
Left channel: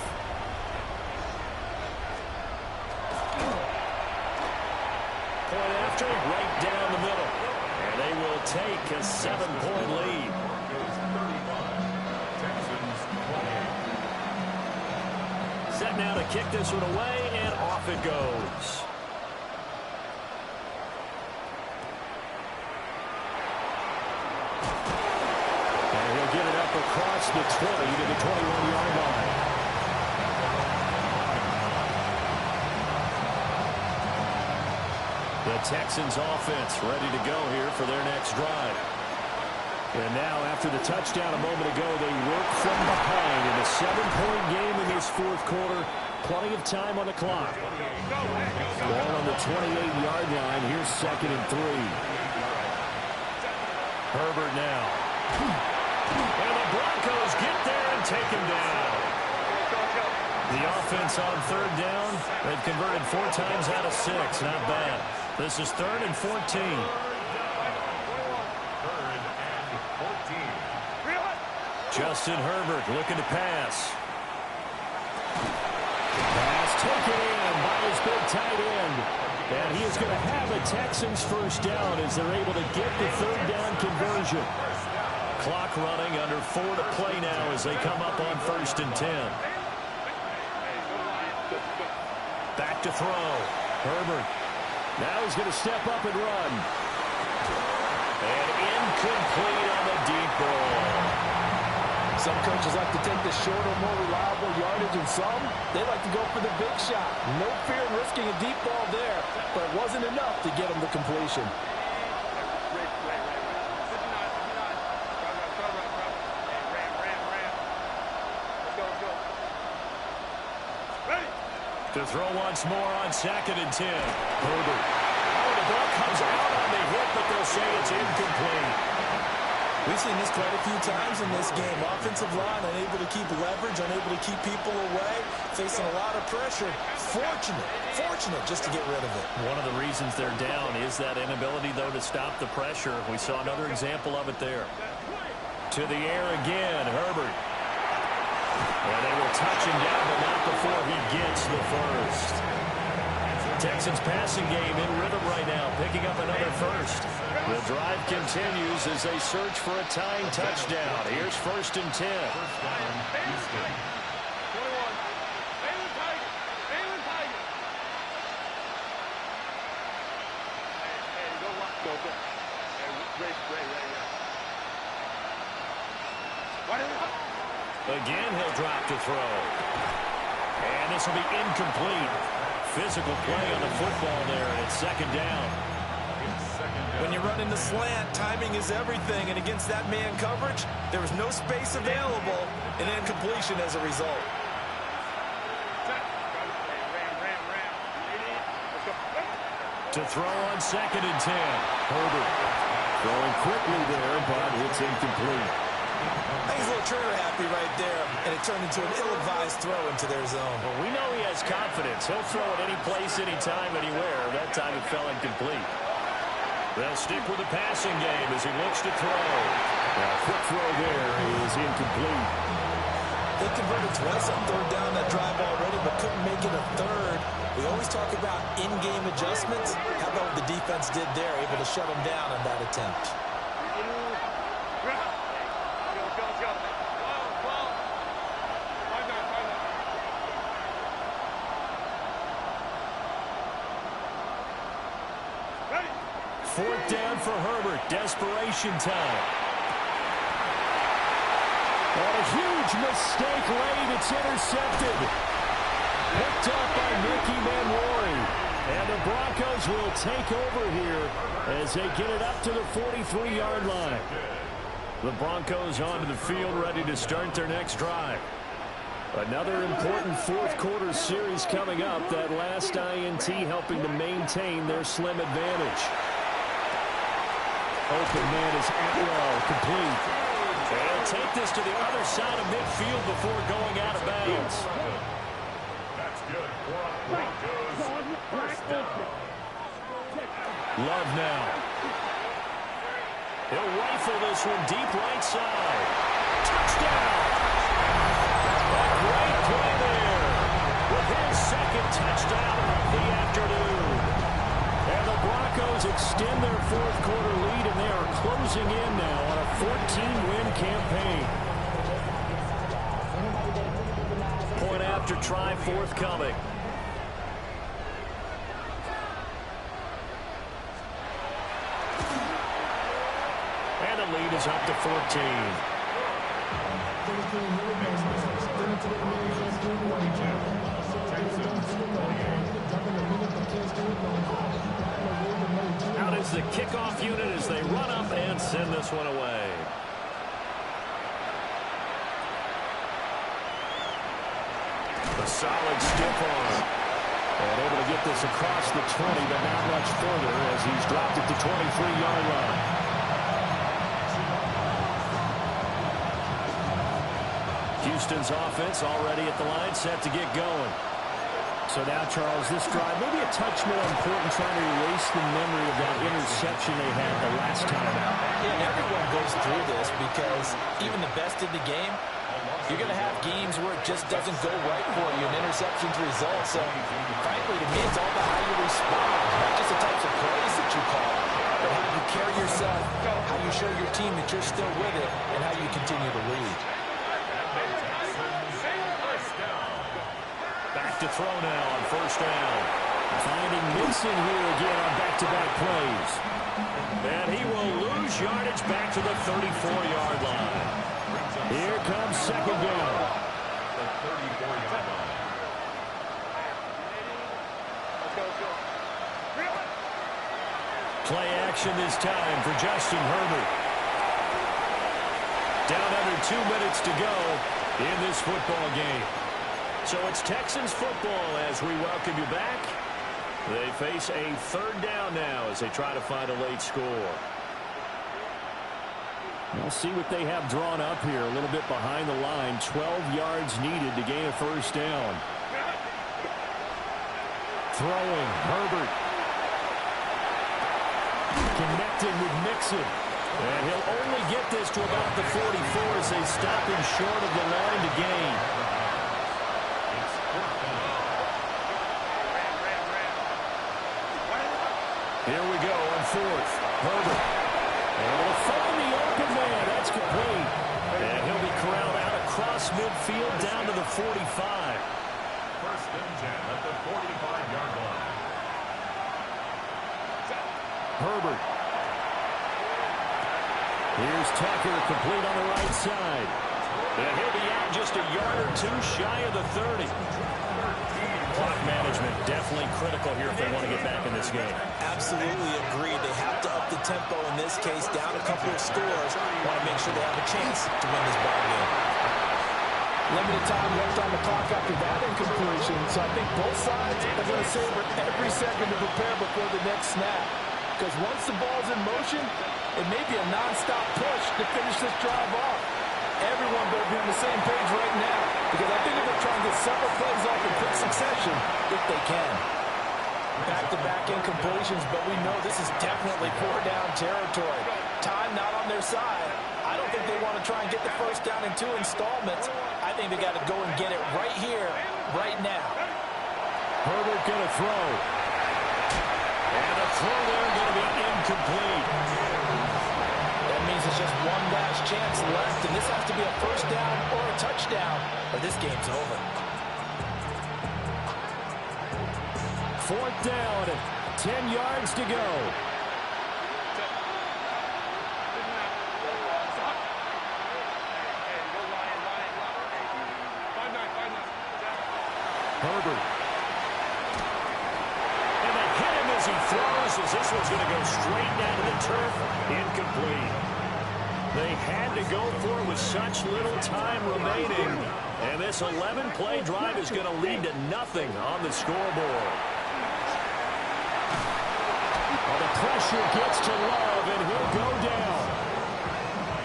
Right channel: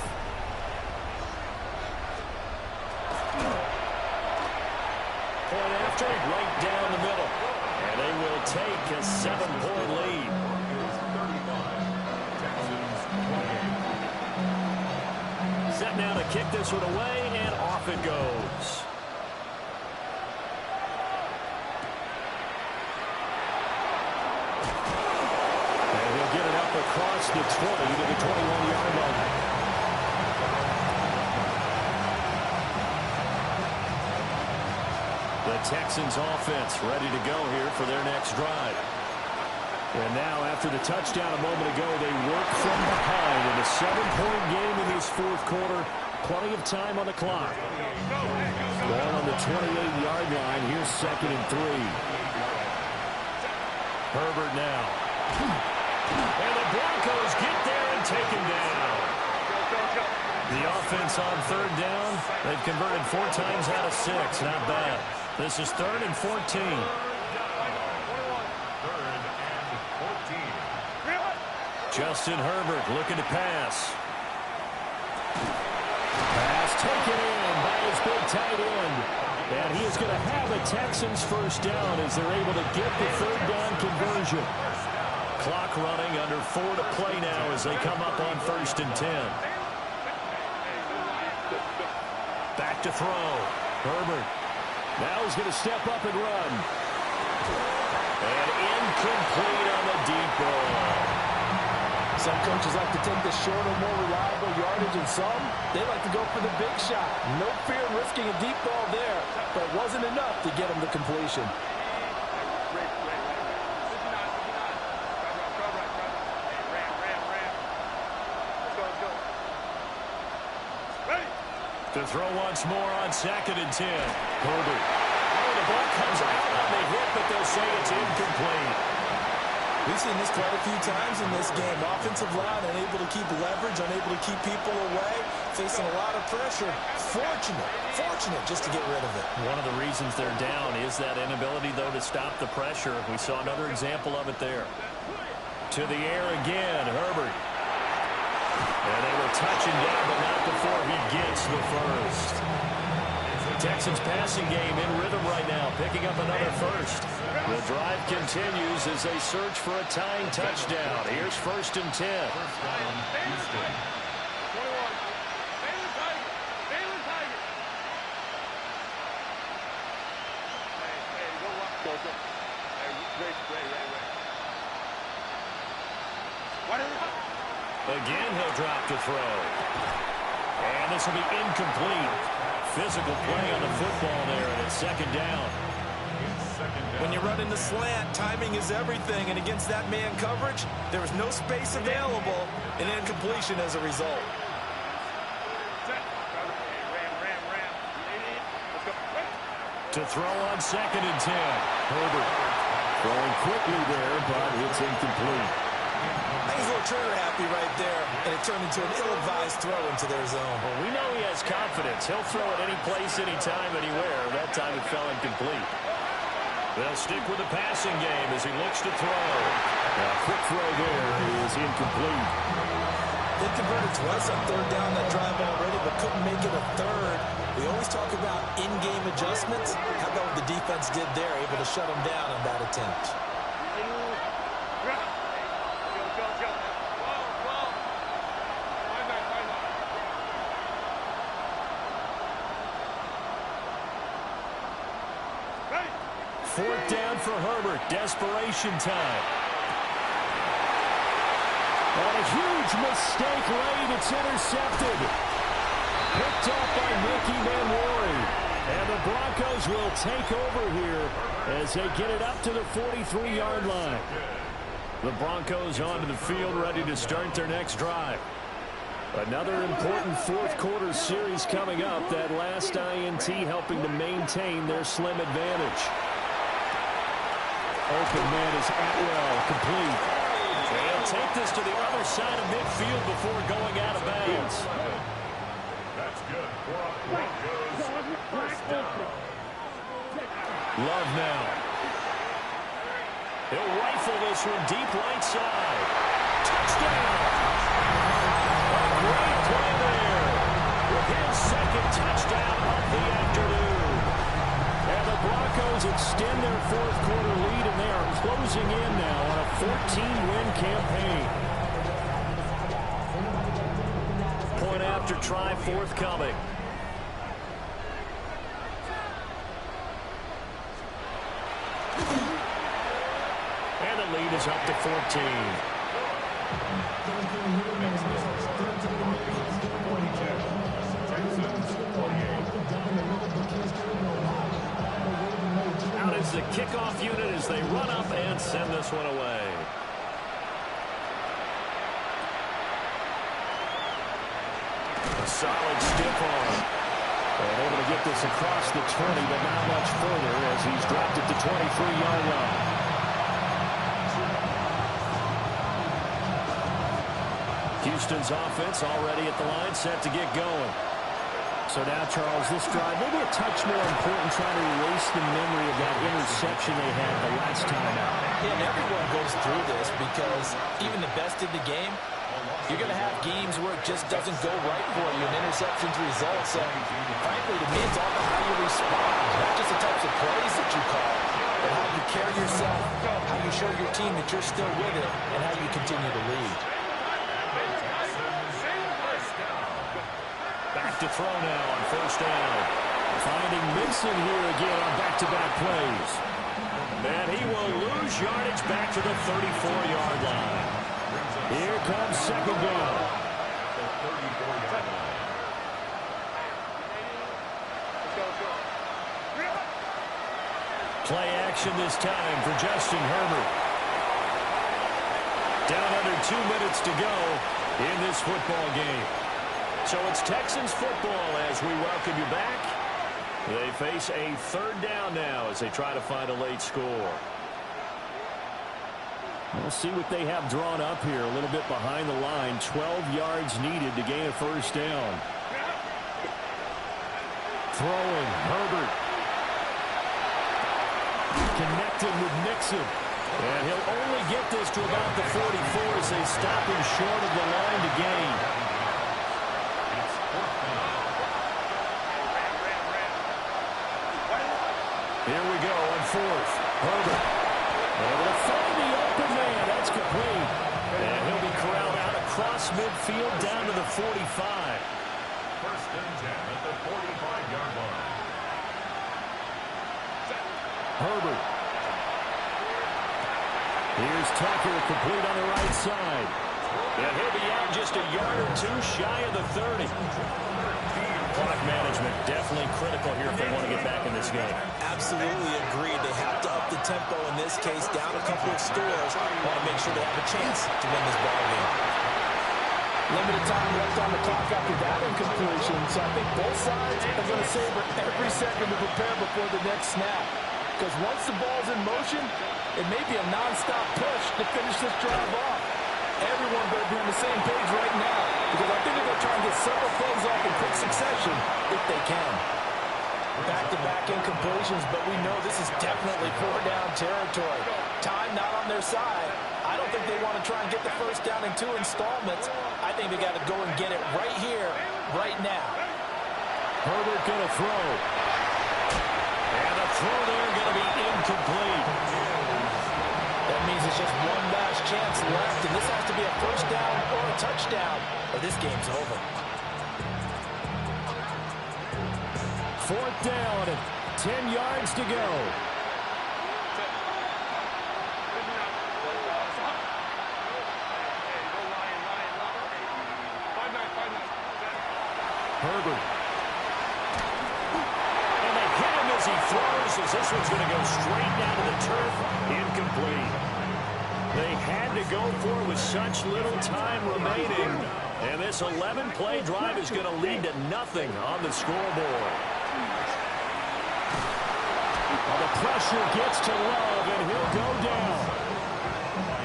Point after, right down the middle. And they will take a 7-point lead. Broncos 35, Texans 28. Set now to kick this one away, and off it goes. And he'll get it up across the 20 to the 21-yard line. The Texans offense ready to go here for their next drive. And now after the touchdown a moment ago, they work from behind in a 7-point game in this 4th quarter. Plenty of time on the clock. Ball on the 28-yard line. Here's 2nd and 3. Herbert now. And the Broncos get there and take him down. The offense on 3rd down. They've converted 4 times out of 6. Not bad. This is 3rd and 14. 3rd and 14. Justin Herbert looking to pass. Pass taken in by his big tight end. And he is going to have a Texans first down as they're able to get the 3rd down conversion. Clock running, under 4 to play now as they come up on 1st and 10. Back to throw. Herbert. Now he's going to step up and run. And incomplete on the deep ball. Some coaches like to take the shorter, more reliable yardage, and some, they like to go for the big shot. No fear in risking a deep ball there, but it wasn't enough to get him the completion. To throw once more on 2nd and 10. Herbert. Oh, the ball comes out on the hit, but they'll say it's incomplete. We've seen this quite a few times in this game. Offensive line unable to keep leverage, unable to keep people away, facing a lot of pressure. Fortunate just to get rid of it. One of the reasons they're down is that inability, though, to stop the pressure. We saw another example of it there. To the air again, Herbert. And they will touch him down, but not before he gets the first. Texans passing game in rhythm right now, picking up another first. The drive continues as they search for a tying touchdown. Here's 1st and 10. Again, he'll drop to throw. And this will be incomplete. Physical play on the football there, and it's 2nd down. When you run in the slant, timing is everything, and against that man coverage, there was no space available, and incompletion as a result. To throw on 2nd and 10. Herbert throwing quickly there, but it's incomplete. I think he's a little trigger happy right there, and it turned into an ill-advised throw into their zone. Well, we know he has confidence. He'll throw it any place, anytime, anywhere. That time it fell incomplete. They'll stick with the passing game as he looks to throw. A quick throw there is incomplete. They converted twice on 3rd down that drive already, but couldn't make it a 3rd. We always talk about in-game adjustments. How about what the defense did there, able to shut them down on that attempt? Fourth down for Herbert. Desperation time. On a huge mistake late. It's intercepted. Picked up by Nicky Manwari. And the Broncos will take over here as they get it up to the 43-yard line. The Broncos onto the field, ready to start their next drive. Another important fourth-quarter series coming up. That last INT helping to maintain their slim advantage. Open man is Atwell, complete. They'll take this to the other side of midfield before going out of bounds. That's good for a Broncos first down. Love now. He'll rifle this one deep right side. Touchdown! A great play there with his second touchdown of the afternoon. And the Broncos extend their fourth-quarter lead, and they are closing in now on a 14-win campaign. Point after try forthcoming. And the lead is up to 14. Out is the kickoff unit as they run up and send this one away. A solid stiff arm. And able to get this across the 20, but not much further as he's dropped at the 23-yard line. Houston's offense already at the line, set to get going. So now, Charles, this drive maybe a touch more important, trying to erase the memory of that interception they had the last time out. Yeah, and everyone goes through this because even the best in the game, you're going to have games where it just doesn't go right for you, and interceptions result. So, frankly, to me, it's all about how you respond, not just the types of plays that you call, but how you carry yourself, how you show your team that you're still with it, and how you continue to lead. Back to throw now on first down. Finding Mixon here again on back-to-back plays. And he will lose yardage back to the 34-yard line. Here comes second down. The 34-yard line. Play action this time for Justin Herbert. Down under 2 minutes to go in this football game. So it's Texans football as we welcome you back. They face a third down now as they try to find a late score. We'll see what they have drawn up here. A little bit behind the line. 12 yards needed to gain a first down. Throwing, Herbert. Connected with Mixon. And he'll only get this to about the 44 as they stop him short of the line to gain. Here we go on fourth. Herbert able to find the open man. That's complete. And he'll be corralled out across midfield down to the 45. First and 10 at the 45-yard line. Herbert. Here's Tucker, complete on the right side. And he'll be out just a yard or two shy of the 30. Clock management definitely critical here if they want to get back in this game. Absolutely agreed. They have to up the tempo in this case, down a couple of scores. Want to make sure they have a chance to win this ball game. Limited time left on the clock after that incompletion, so I think both sides are going to savor every second to prepare before the next snap. Because once the ball's in motion, it may be a non-stop push to finish this drive off. Everyone better be on the same page right now, because I think they're going to try and get several plays off in quick succession if they can. Back-to-back incompletions, but we know this is definitely four-down territory. Time not on their side. I don't think they want to try and get the first down in 2 installments. I think they got to go and get it right here, right now. Herbert going to throw. And the throw there going to be incomplete. That means it's just one last chance left, and this has to be a first down or a touchdown, or this game's over. Fourth down, 10 yards to go. Herbert. And as he throws, as this one's going to go straight down to the turf. Incomplete. They had to go for it with such little time remaining. And this 11-play drive is going to lead to nothing on the scoreboard. Well, the pressure gets to Love, and he'll go down.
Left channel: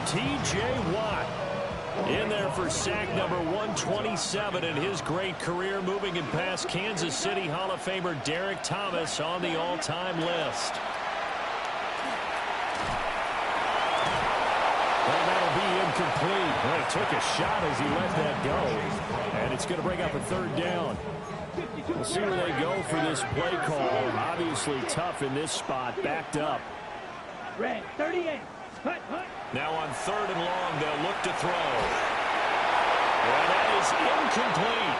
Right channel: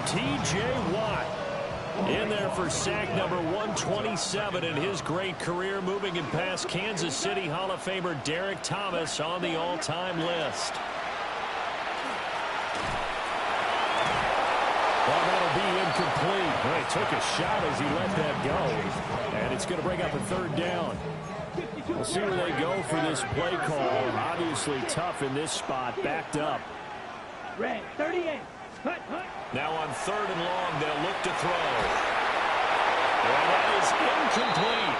T.J. Watt in there for sack number 127 in his great career, moving in past Kansas City Hall of Famer Derek Thomas on the all-time list. Well, that'll be incomplete. Well, he took a shot as he let that go. And it's going to bring up a third down. We'll see where they go for this play call. Obviously tough in this spot, backed up. Red 38. Hut, hut. Now on 3rd and long, they'll look to throw. And that is incomplete.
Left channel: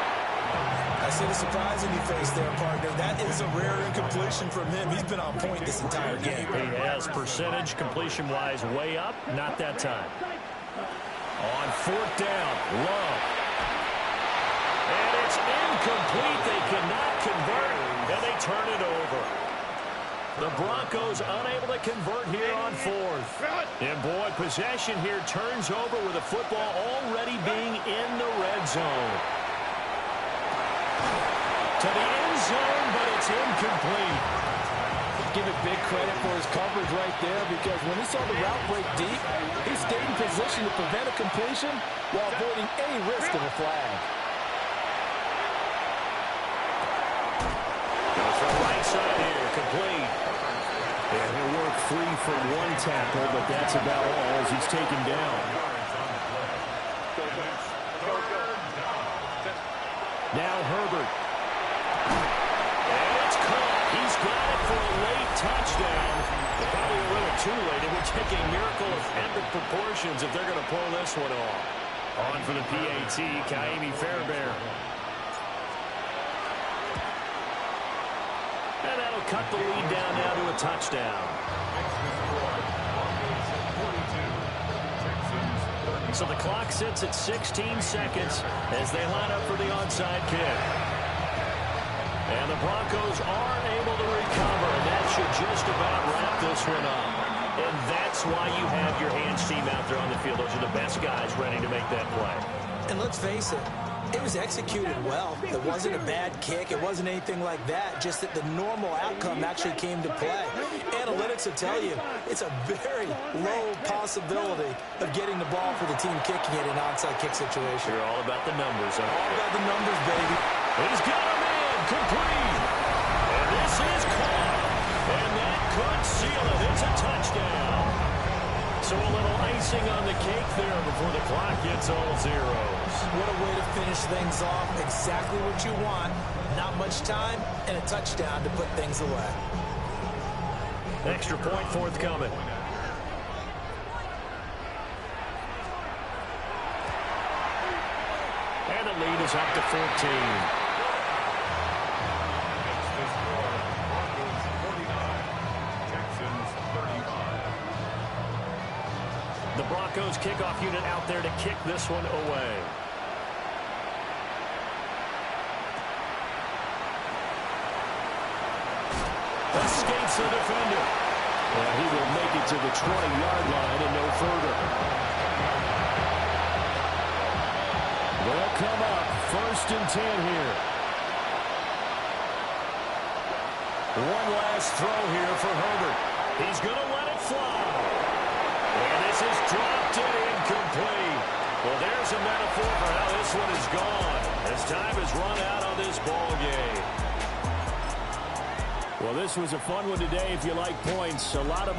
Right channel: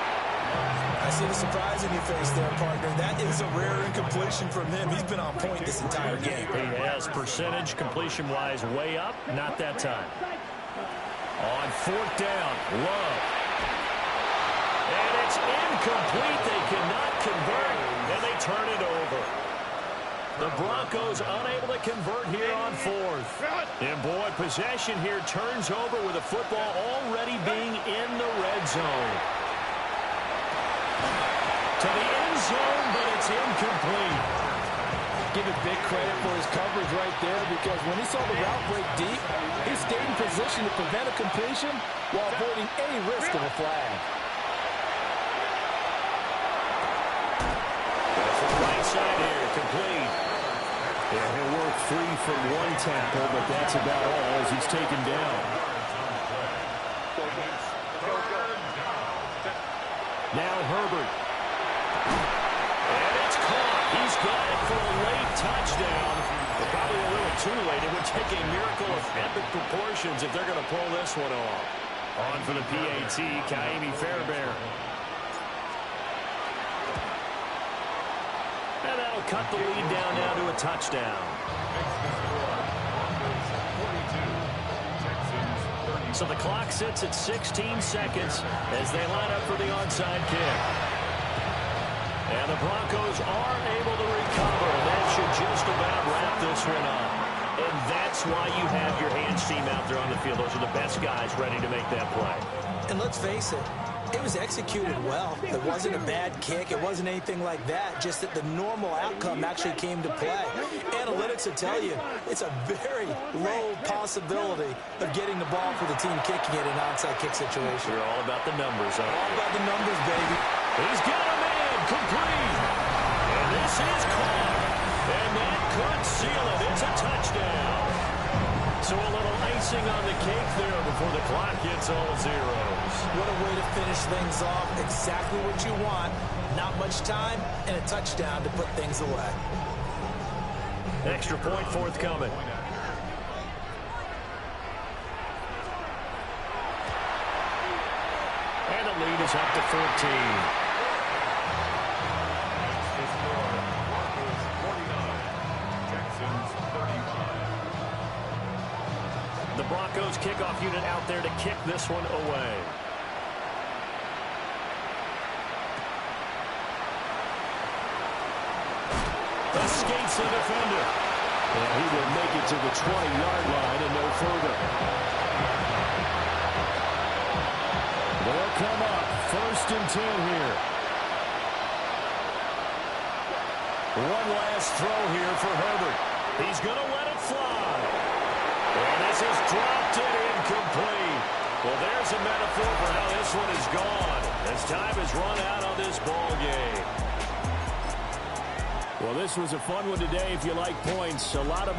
I see the surprise in your face there, partner. That is a rare incompletion from him. He's been on point this entire game. He has percentage completion-wise way up. Not that time. On 4th down, Love. And it's incomplete. They cannot convert, and they turn it over. The Broncos unable to convert here on 4th. And, boy, possession here turns over with the football already being in the red zone. To the end zone, but it's incomplete. Give it big credit for his coverage right there, because when he saw the route break deep, he stayed in position to prevent a completion while avoiding any risk of a flag. From right side here, complete. And he'll work free from one tackle, but that's about all as he's taken down. Now Herbert. And it's caught. He's got it for a late touchdown. But probably a little too late. It would take a miracle of epic proportions if they're going to pull this one off. On for the PAT, Kaimi Fairbairn. And that'll cut the lead down now to a touchdown. So the clock sits at 16 seconds as they line up for the onside kick. And the Broncos are able to recover, and that should just about wrap this one up. And that's why you have your hands team out there on the field. Those are the best guys ready to make that play. And let's face it, it was executed well. It wasn't a bad kick. It wasn't anything like that. Just that the normal outcome actually came to play. Analytics will tell you it's a very low possibility of getting the ball for the team kicking it in an onside kick situation. You're all about the numbers, aren't you? All about the numbers, baby. He's got a man complete. And this is caught. And that could seal it. It's a touchdown. So a little icing on the cake there before the clock hits all zeros. What a way to finish things off. Exactly what you want. Not much time and a touchdown to put things away. Extra point forthcoming. And the lead is up to 14. The score, Broncos 49, Texans 35. The Broncos kickoff unit out there to kick this one away. Escapes the defender. And he will make it to the 20-yard line and no further. They'll come up 1st and 10 here. One last throw here for Herbert. He's going to let it fly. And this is dropped and incomplete. Well, there's a metaphor for how this one is gone as time has run out on this ball game. Well, this was a fun one today if you like points. A lot of them